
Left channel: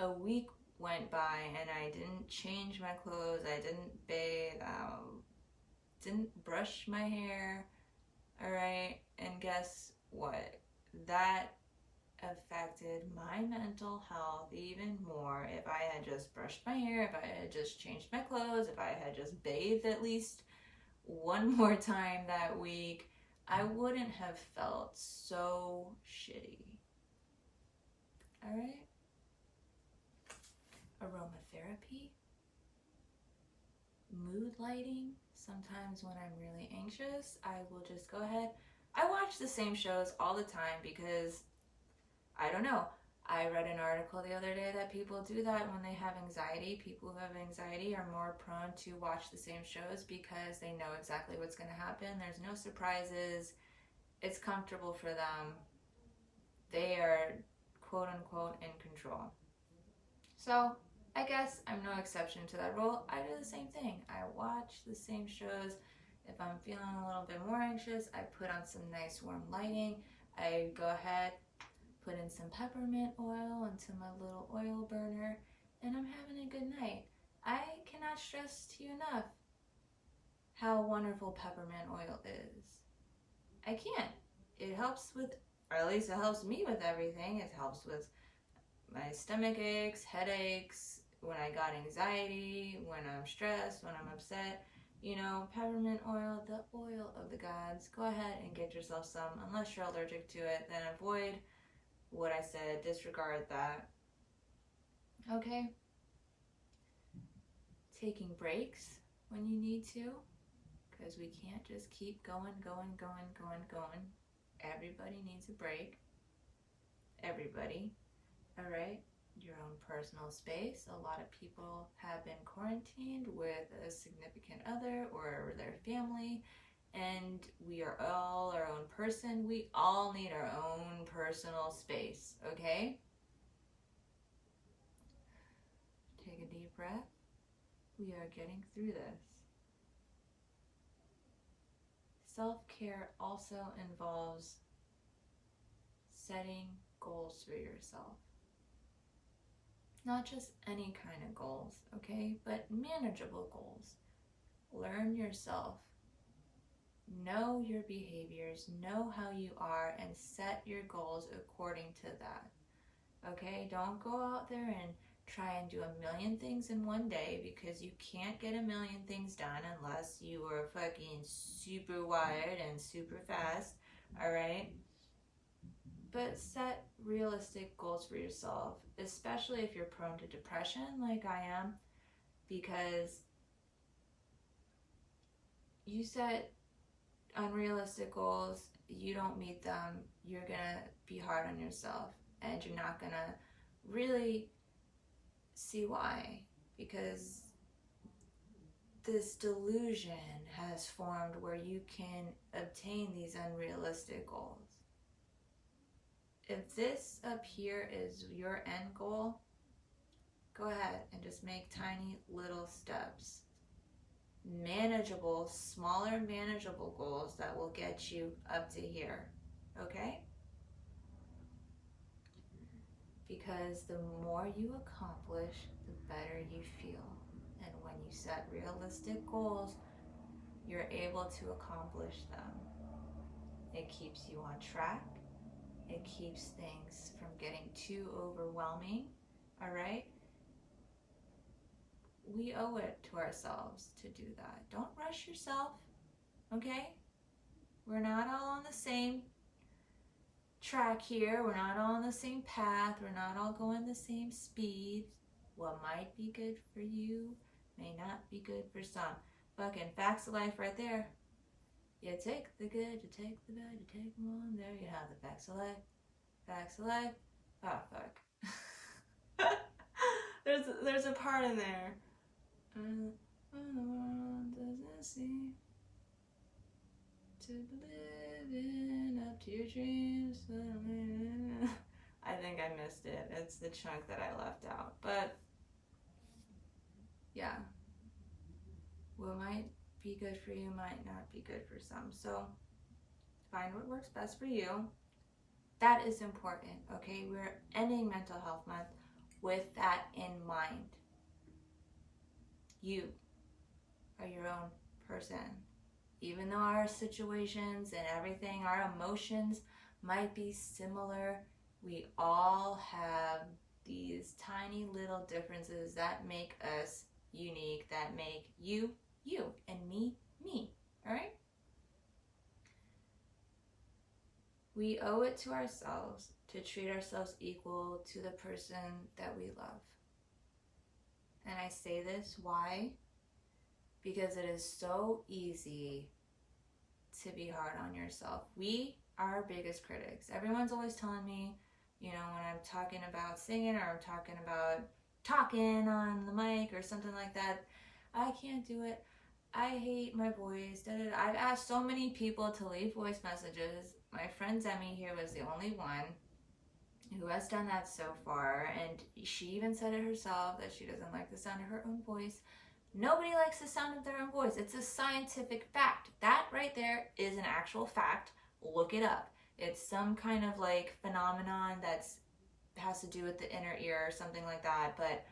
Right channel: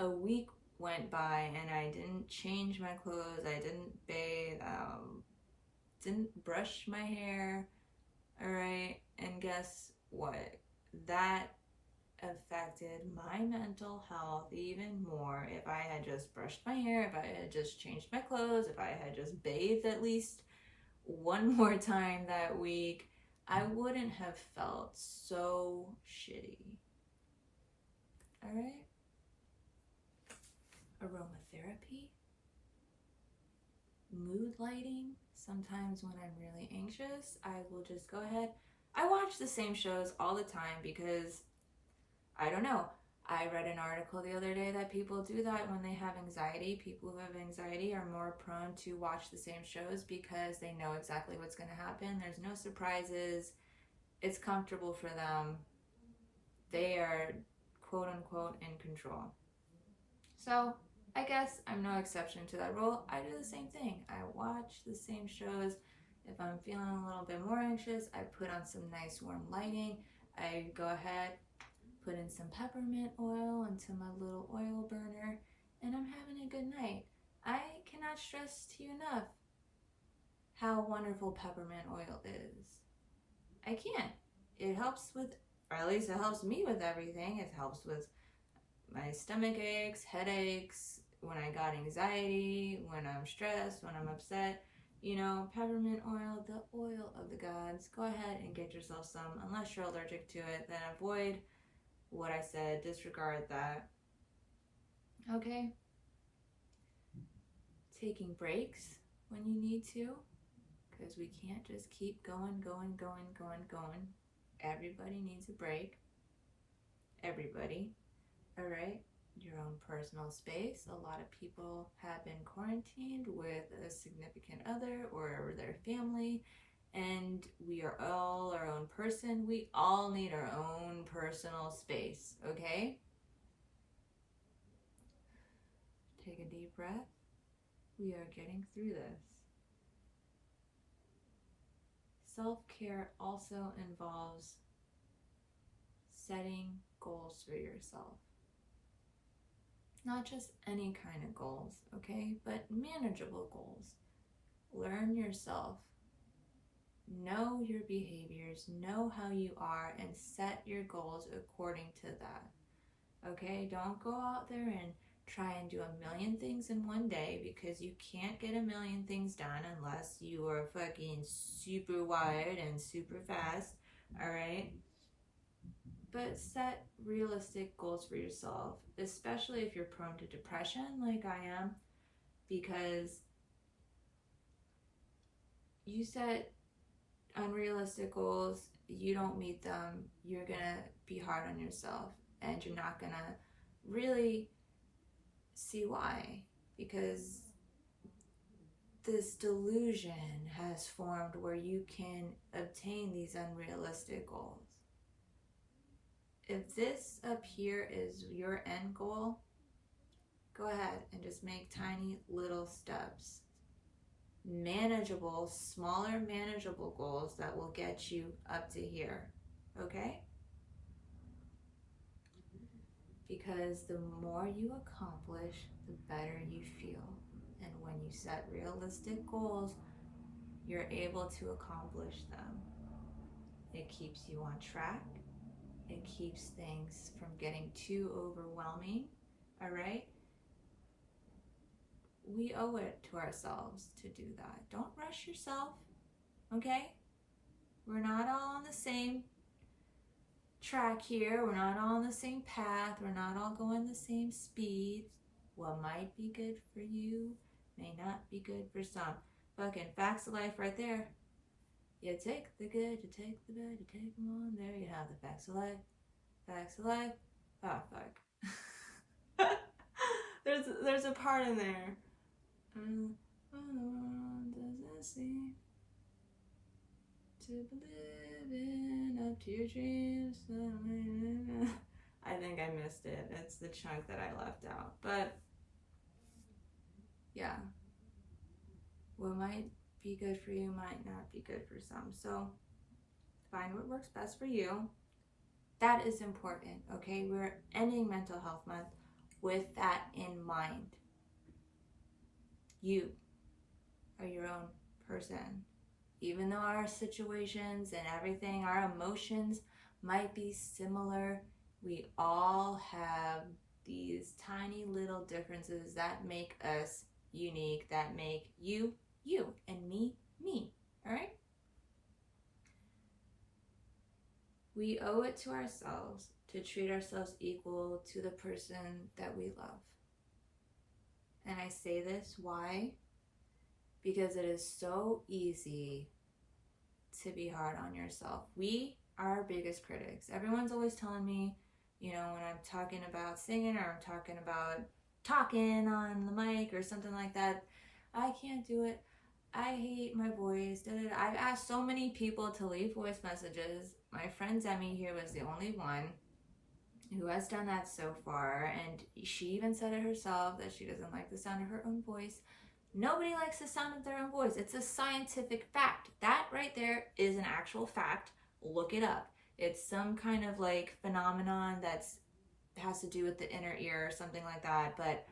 a week went by and I didn't change my clothes. I didn't bathe. Didn't brush my hair. All right? And guess what? That affected my mental health even more. If I had just brushed my hair, if I had just changed my clothes, if I had just bathed at least one more time that week, I wouldn't have felt so shitty. All right? Aromatherapy, mood lighting. Sometimes when I'm really anxious, I will just go ahead. I watch the same shows all the time because I don't know. I read an article the other day that people do that when they have anxiety. People who have anxiety are more prone to watch the same shows because they know exactly what's going to happen. There's no surprises. It's comfortable for them. They are quote unquote in control. So I guess I'm no exception to that rule. I do the same thing. I watch the same shows. If I'm feeling a little bit more anxious, I put on some nice warm lighting. I go ahead, put in some peppermint oil into my little oil burner, and I'm having a good night. I cannot stress to you enough how wonderful peppermint oil is. I can't. It helps with, or at least it helps me with everything. It helps with my stomach aches, headaches, when I got anxiety, when I'm stressed, when I'm upset. You know, peppermint oil, the oil of the gods. Go ahead and get yourself some. Unless you're allergic to it, then avoid what I said, disregard that. Okay? Taking breaks when you need to, because we can't just keep going. Everybody needs a break. Everybody. All right? Your own personal space. A lot of people have been quarantined with a significant other or their family, and we are all our own person. We all need our own personal space, okay? Take a deep breath. We are getting through this. Self-care also involves setting goals for yourself. Not just any kind of goals, okay? But manageable goals. Learn yourself. Know your behaviors. Know how you are and set your goals according to that. Okay? Don't go out there and try and do a million things in one day because you can't get a million things done unless you are fucking super wired and super fast. All right? But set realistic goals for yourself, especially if you're prone to depression like I am, because you set unrealistic goals, you don't meet them, you're gonna be hard on yourself and you're not gonna really see why, because this delusion has formed where you can obtain these unrealistic goals. If this up here is your end goal, go ahead and just make tiny little steps. Manageable, smaller manageable goals that will get you up to here, okay? Because the more you accomplish, the better you feel. And when you set realistic goals, you're able to accomplish them. It keeps you on track. It keeps things from getting too overwhelming, all right? We owe it to ourselves to do that. Don't rush yourself, okay? We're not all on the same track here. We're not all on the same path. We're not all going the same speed. What might be good for you may not be good for some. Fucking facts of life right there. You take the good, you take the bad, you take them all. There you have the facts of life. Facts of life. Oh, fuck. there's a part in there. When the world doesn't seem to be living up to your dreams. I think I missed it. It's the chunk that I left out. But yeah, what might be good for you might not be good for some. So find what works best for you. That is important, okay? We're ending Mental Health Month with that in mind. You are your own person. Even though our situations and everything, our emotions might be similar, we all have these tiny little differences that make us unique, that make you, you, and me, me, all right? We owe it to ourselves to treat ourselves equal to the person that we love. And I say this, why? Because it is so easy to be hard on yourself. We are our biggest critics. Everyone's always telling me, you know, when I'm talking about singing or I'm talking about talking on the mic or something like that, I can't do it. I hate my voice. I've asked so many people to leave voice messages. My friend Demi here was the only one who has done that so far, and she even said it herself that she doesn't like the sound of her own voice. Nobody likes the sound of their own voice. It's a scientific fact. That right there is an actual fact. Look it up. It's some kind of like phenomenon that's has to do with the inner ear or something like that, but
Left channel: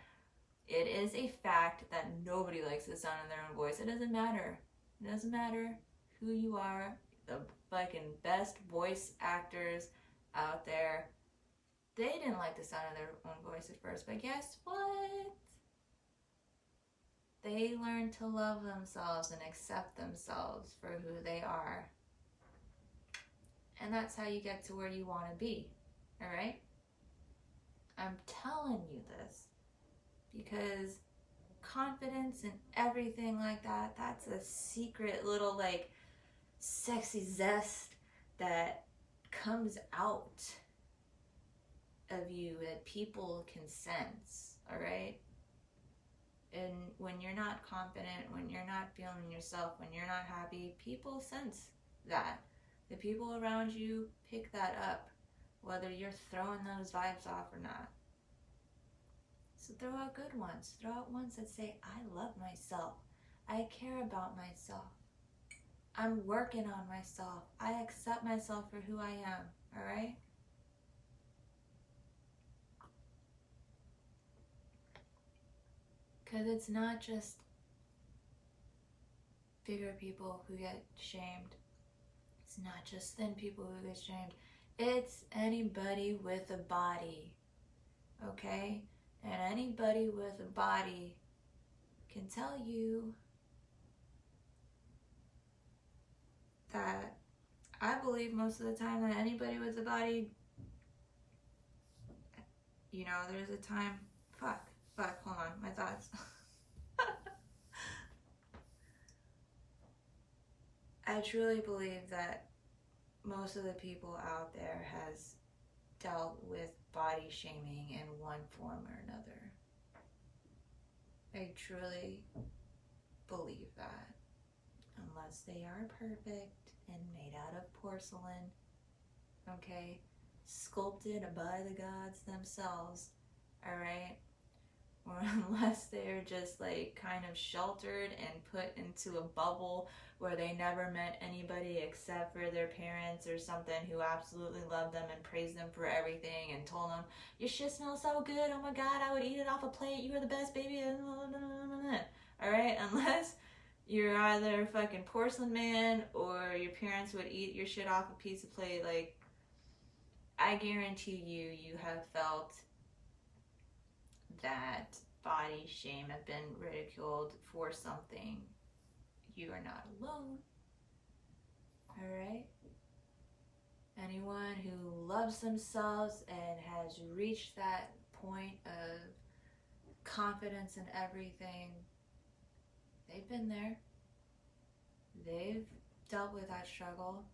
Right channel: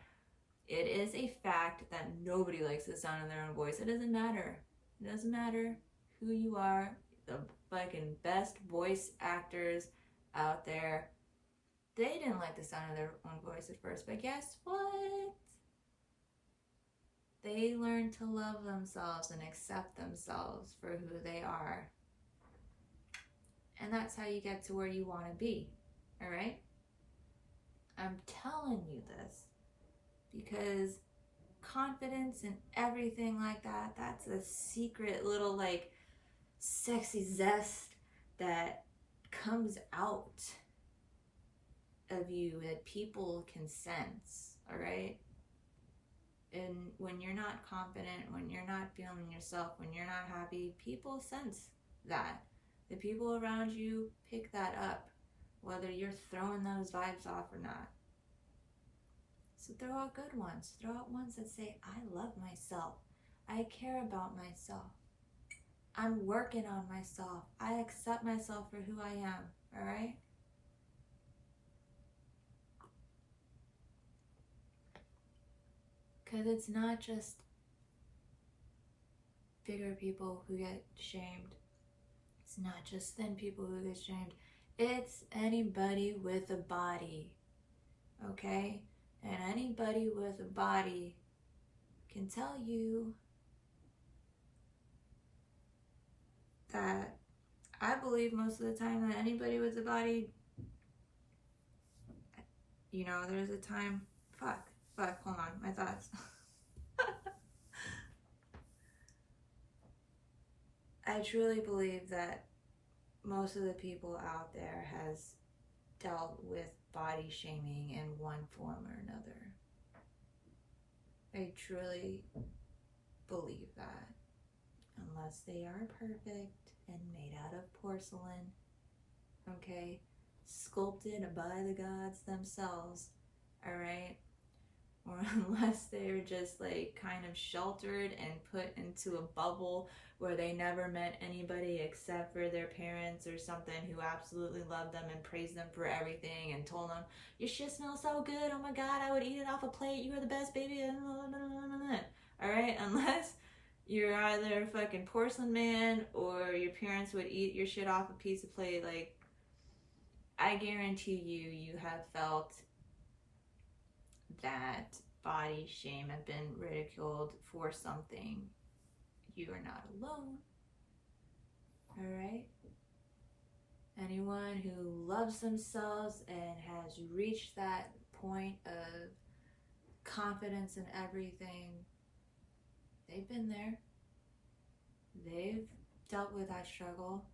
it is a fact that nobody likes the sound of their own voice. It doesn't matter. It doesn't matter who you are. The fucking best voice actors out there, they didn't like the sound of their own voice at first, but guess what? They learned to love themselves and accept themselves for who they are. And that's how you get to where you want to be, all right? I'm telling you this because confidence and everything like that, that's a secret little like sexy zest that comes out of you that people can sense, all right? And when you're not confident, when you're not feeling yourself, when you're not happy, people sense that. The people around you pick that up, whether you're throwing those vibes off or not. So throw out good ones. Throw out ones that say, I love myself. I care about myself. I'm working on myself. I accept myself for who I am, all right? Because it's not just bigger people who get shamed. It's not just thin people who get shamed. It's anybody with a body, okay? And anybody with a body can tell you that I believe most of the time that anybody with a body, you know, there's a time, fuck, hold on, my thoughts. I truly believe that most of the people out there has dealt with body shaming in one form or another. I truly believe that. Unless they are perfect and made out of porcelain, okay? Sculpted by the gods themselves, all right? Or unless they're just like kind of sheltered and put into a bubble where they never met anybody except for their parents or something who absolutely loved them and praised them for everything and told them, your shit smells so good, oh my god, I would eat it off a plate, you are the best baby, alright? Unless you're either fucking porcelain man or your parents would eat your shit off a piece of plate, like, I guarantee you have felt that body shame have been ridiculed for something. You are not alone, all right? Anyone who loves themselves and has reached that point of confidence in everything, They've been there. They've dealt with that struggle.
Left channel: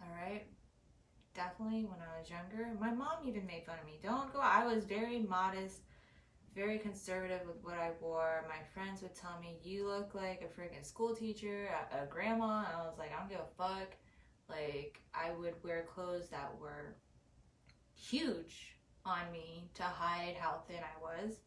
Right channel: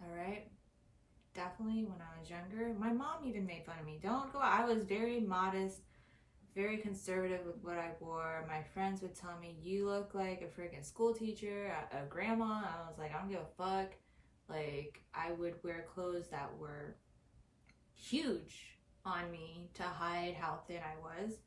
All right? Definitely when I was younger. My mom even made fun of me. I was very modest, very conservative with what I wore. My friends would tell me, you look like a freaking school teacher, a grandma. And I was like, I don't give a fuck. Like, I would wear clothes that were huge on me to hide how thin I was.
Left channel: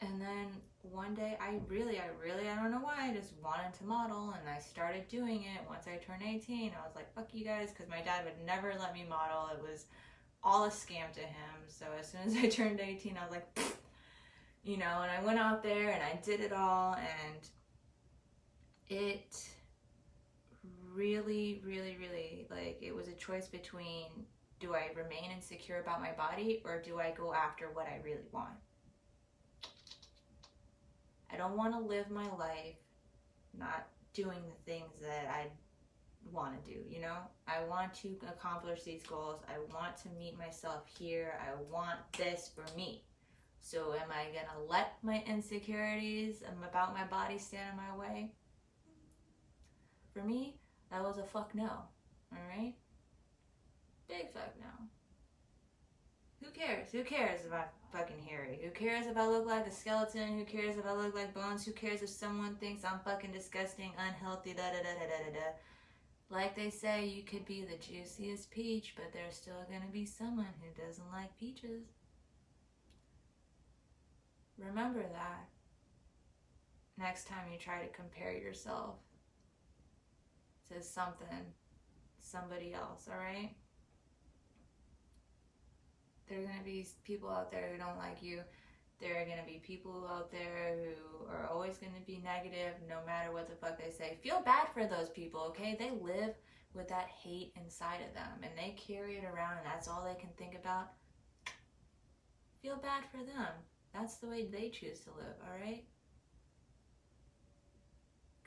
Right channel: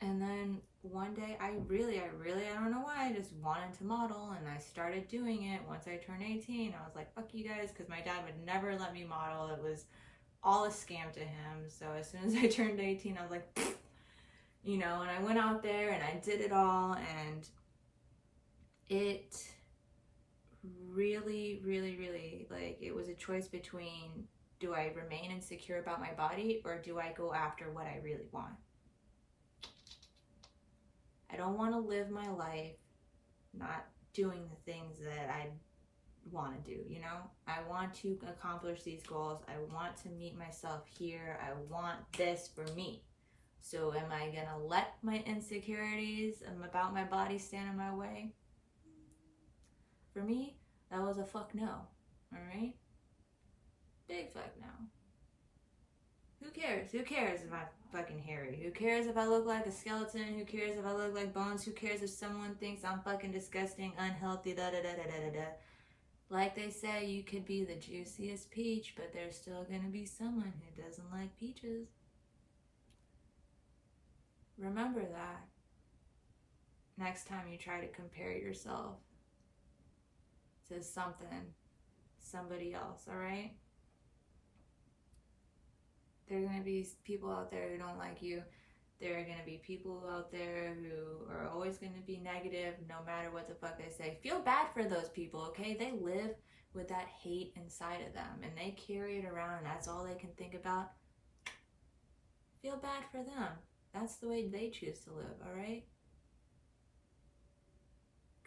And then one day, I don't know why, I just wanted to model, and I started doing it once I turned 18. I was like, fuck you guys, because my dad would never let me model. It was all a scam to him. So as soon as I turned 18, I was like, you know, and I went out there and I did it all, and it really, really, really, like, it was a choice between, do I remain insecure about my body, or do I go after what I really want? I don't want to live my life not doing the things that I want to do, you know? I want to accomplish these goals. I want to meet myself here. I want this for me. So am I going to let my insecurities about my body stand in my way? For me, that was a fuck no, all right? Big fuck no. Who cares? Who cares if I'm fucking hairy? Who cares if I look like a skeleton? Who cares if I look like bones? Who cares if someone thinks I'm fucking disgusting, unhealthy, da-da-da-da-da-da-da? Like they say, you could be the juiciest peach, but there's still gonna be someone who doesn't like peaches. Remember that next time you try to compare yourself to somebody else, all right? There are going to be people out there who don't like you. There are going to be people out there who are always going to be negative no matter what the fuck they say. Feel bad for those people, okay? They live with that hate inside of them, and they carry it around, and that's all they can think about. Feel bad for them. That's the way they choose to live, all right?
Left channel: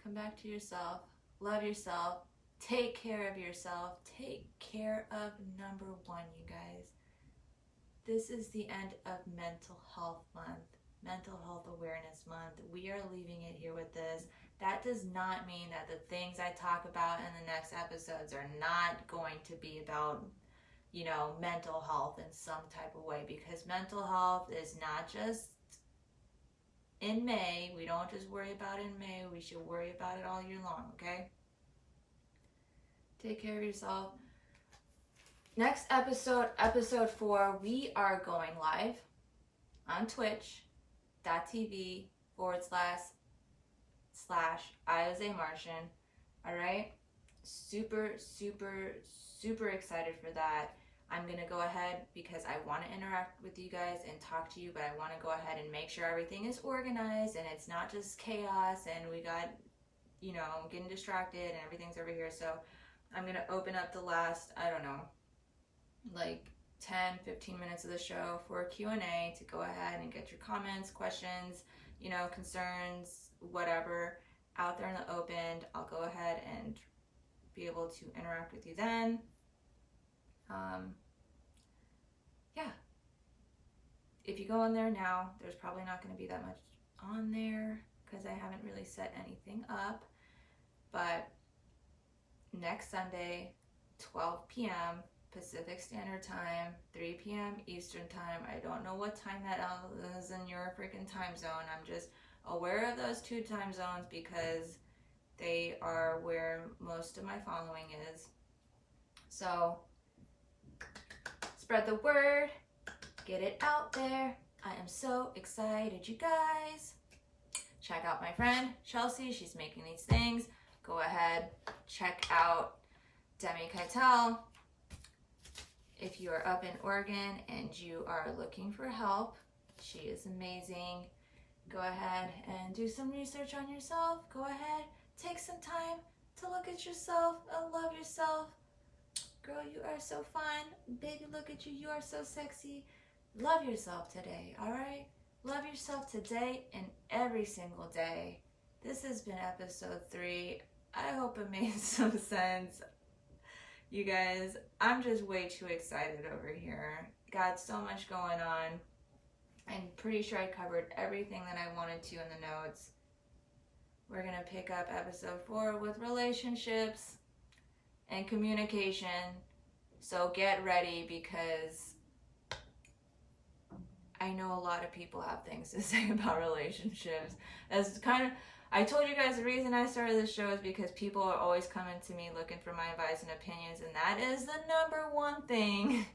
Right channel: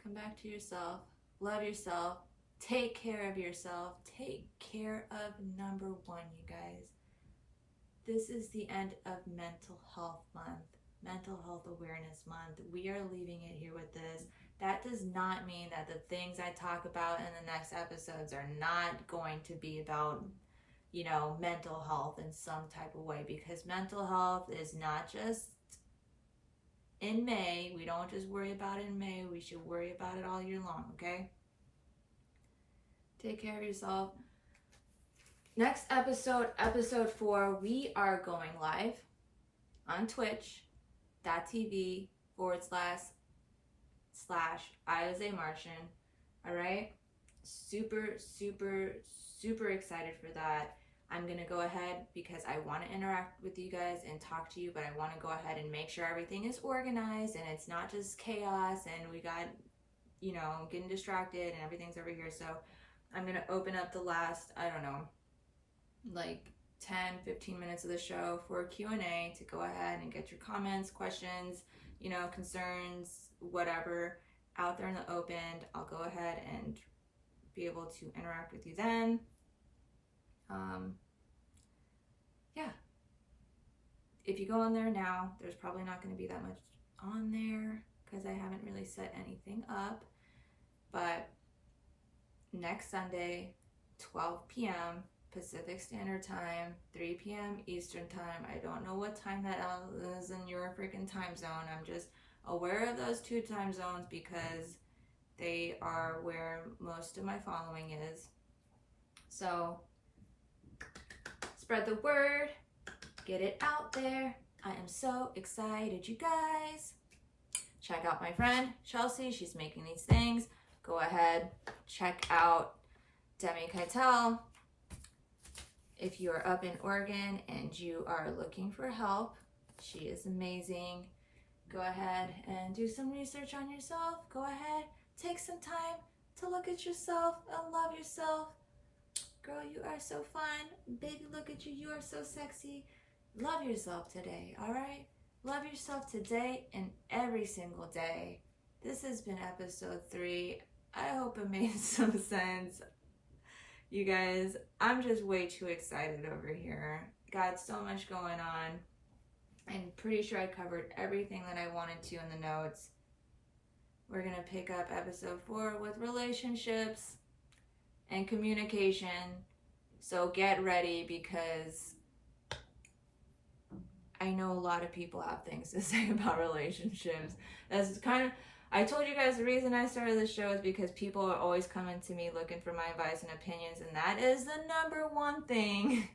Come back to yourself. Love yourself. Take care of yourself. Take care of number one, you guys. This is the end of Mental Health Month, Mental Health Awareness Month. We are leaving it here with this. That does not mean that the things I talk about in the next episodes are not going to be about, you know, mental health in some type of way, because mental health is not just in May. We don't just worry about it in May. We should worry about it all year long, okay? Take care of yourself. Next episode, episode 4, we are going live on twitch.tv/I was a Martian. All right? Super, super, super excited for that. I'm going to go ahead because I want to interact with you guys and talk to you, but I want to go ahead and make sure everything is organized and it's not just chaos and we got, you know, getting distracted and everything's over here. So I'm going to open up the last, I don't know, like 10-15 minutes of the show for Q&A to go ahead and get your comments, questions, you know, concerns, whatever out there in the open. I'll go ahead and be able to interact with you then. Yeah, if you go on there now, there's probably not going to be that much on there because I haven't really set anything up, but next Sunday, 12 p.m. Pacific Standard Time, 3 p.m. Eastern Time. I don't know what time that is in your freaking time zone. I'm just aware of those 2 time zones because they are where most of my following is. So spread the word, get it out there. I am so excited, you guys. Check out my friend Chelsea. She's making these things. Go ahead, check out Demi Keitel. If you are up in Oregon and you are looking for help, she is amazing. Go ahead and do some research on yourself. Go ahead, take some time to look at yourself and love yourself. Girl, you are so fun. Baby, look at you. You are so sexy. Love yourself today, all right? Love yourself today and every single day. This has been episode 3. I hope it made some sense. You guys, I'm just way too excited over here. Got so much going on. I'm pretty sure I covered everything that I wanted to in the notes. We're going to pick up episode 4 with relationships and communication. So get ready, because I know a lot of people have things to say about relationships. That's kind of, I told you guys the reason I started this show is because people are always coming to me looking for my advice and opinions, and that is the number one thing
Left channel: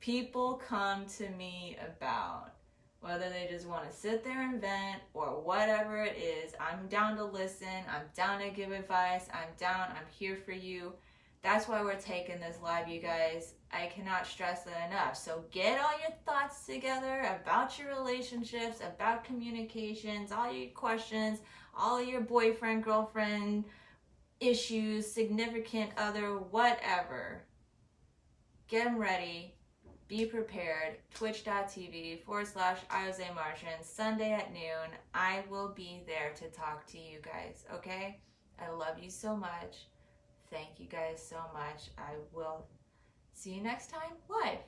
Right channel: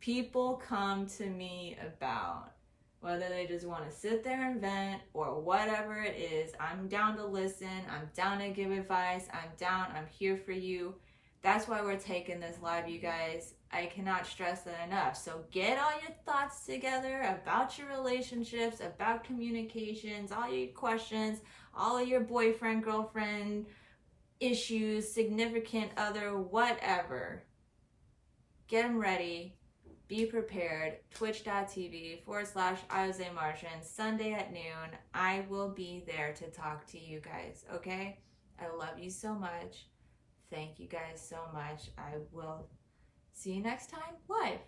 people come to me about. Whether they just want to sit there and vent or whatever it is, I'm down to listen. I'm down to give advice. I'm here for you. That's why we're taking this live, you guys. I cannot stress that enough. So get all your thoughts together about your relationships, about communications, all your questions, all of your boyfriend, girlfriend issues, significant other, whatever. Get them ready. Be prepared. Twitch.tv/IoseMartian, Sunday at noon. I will be there to talk to you guys, okay? I love you so much. Thank you guys so much. I will see you next time live.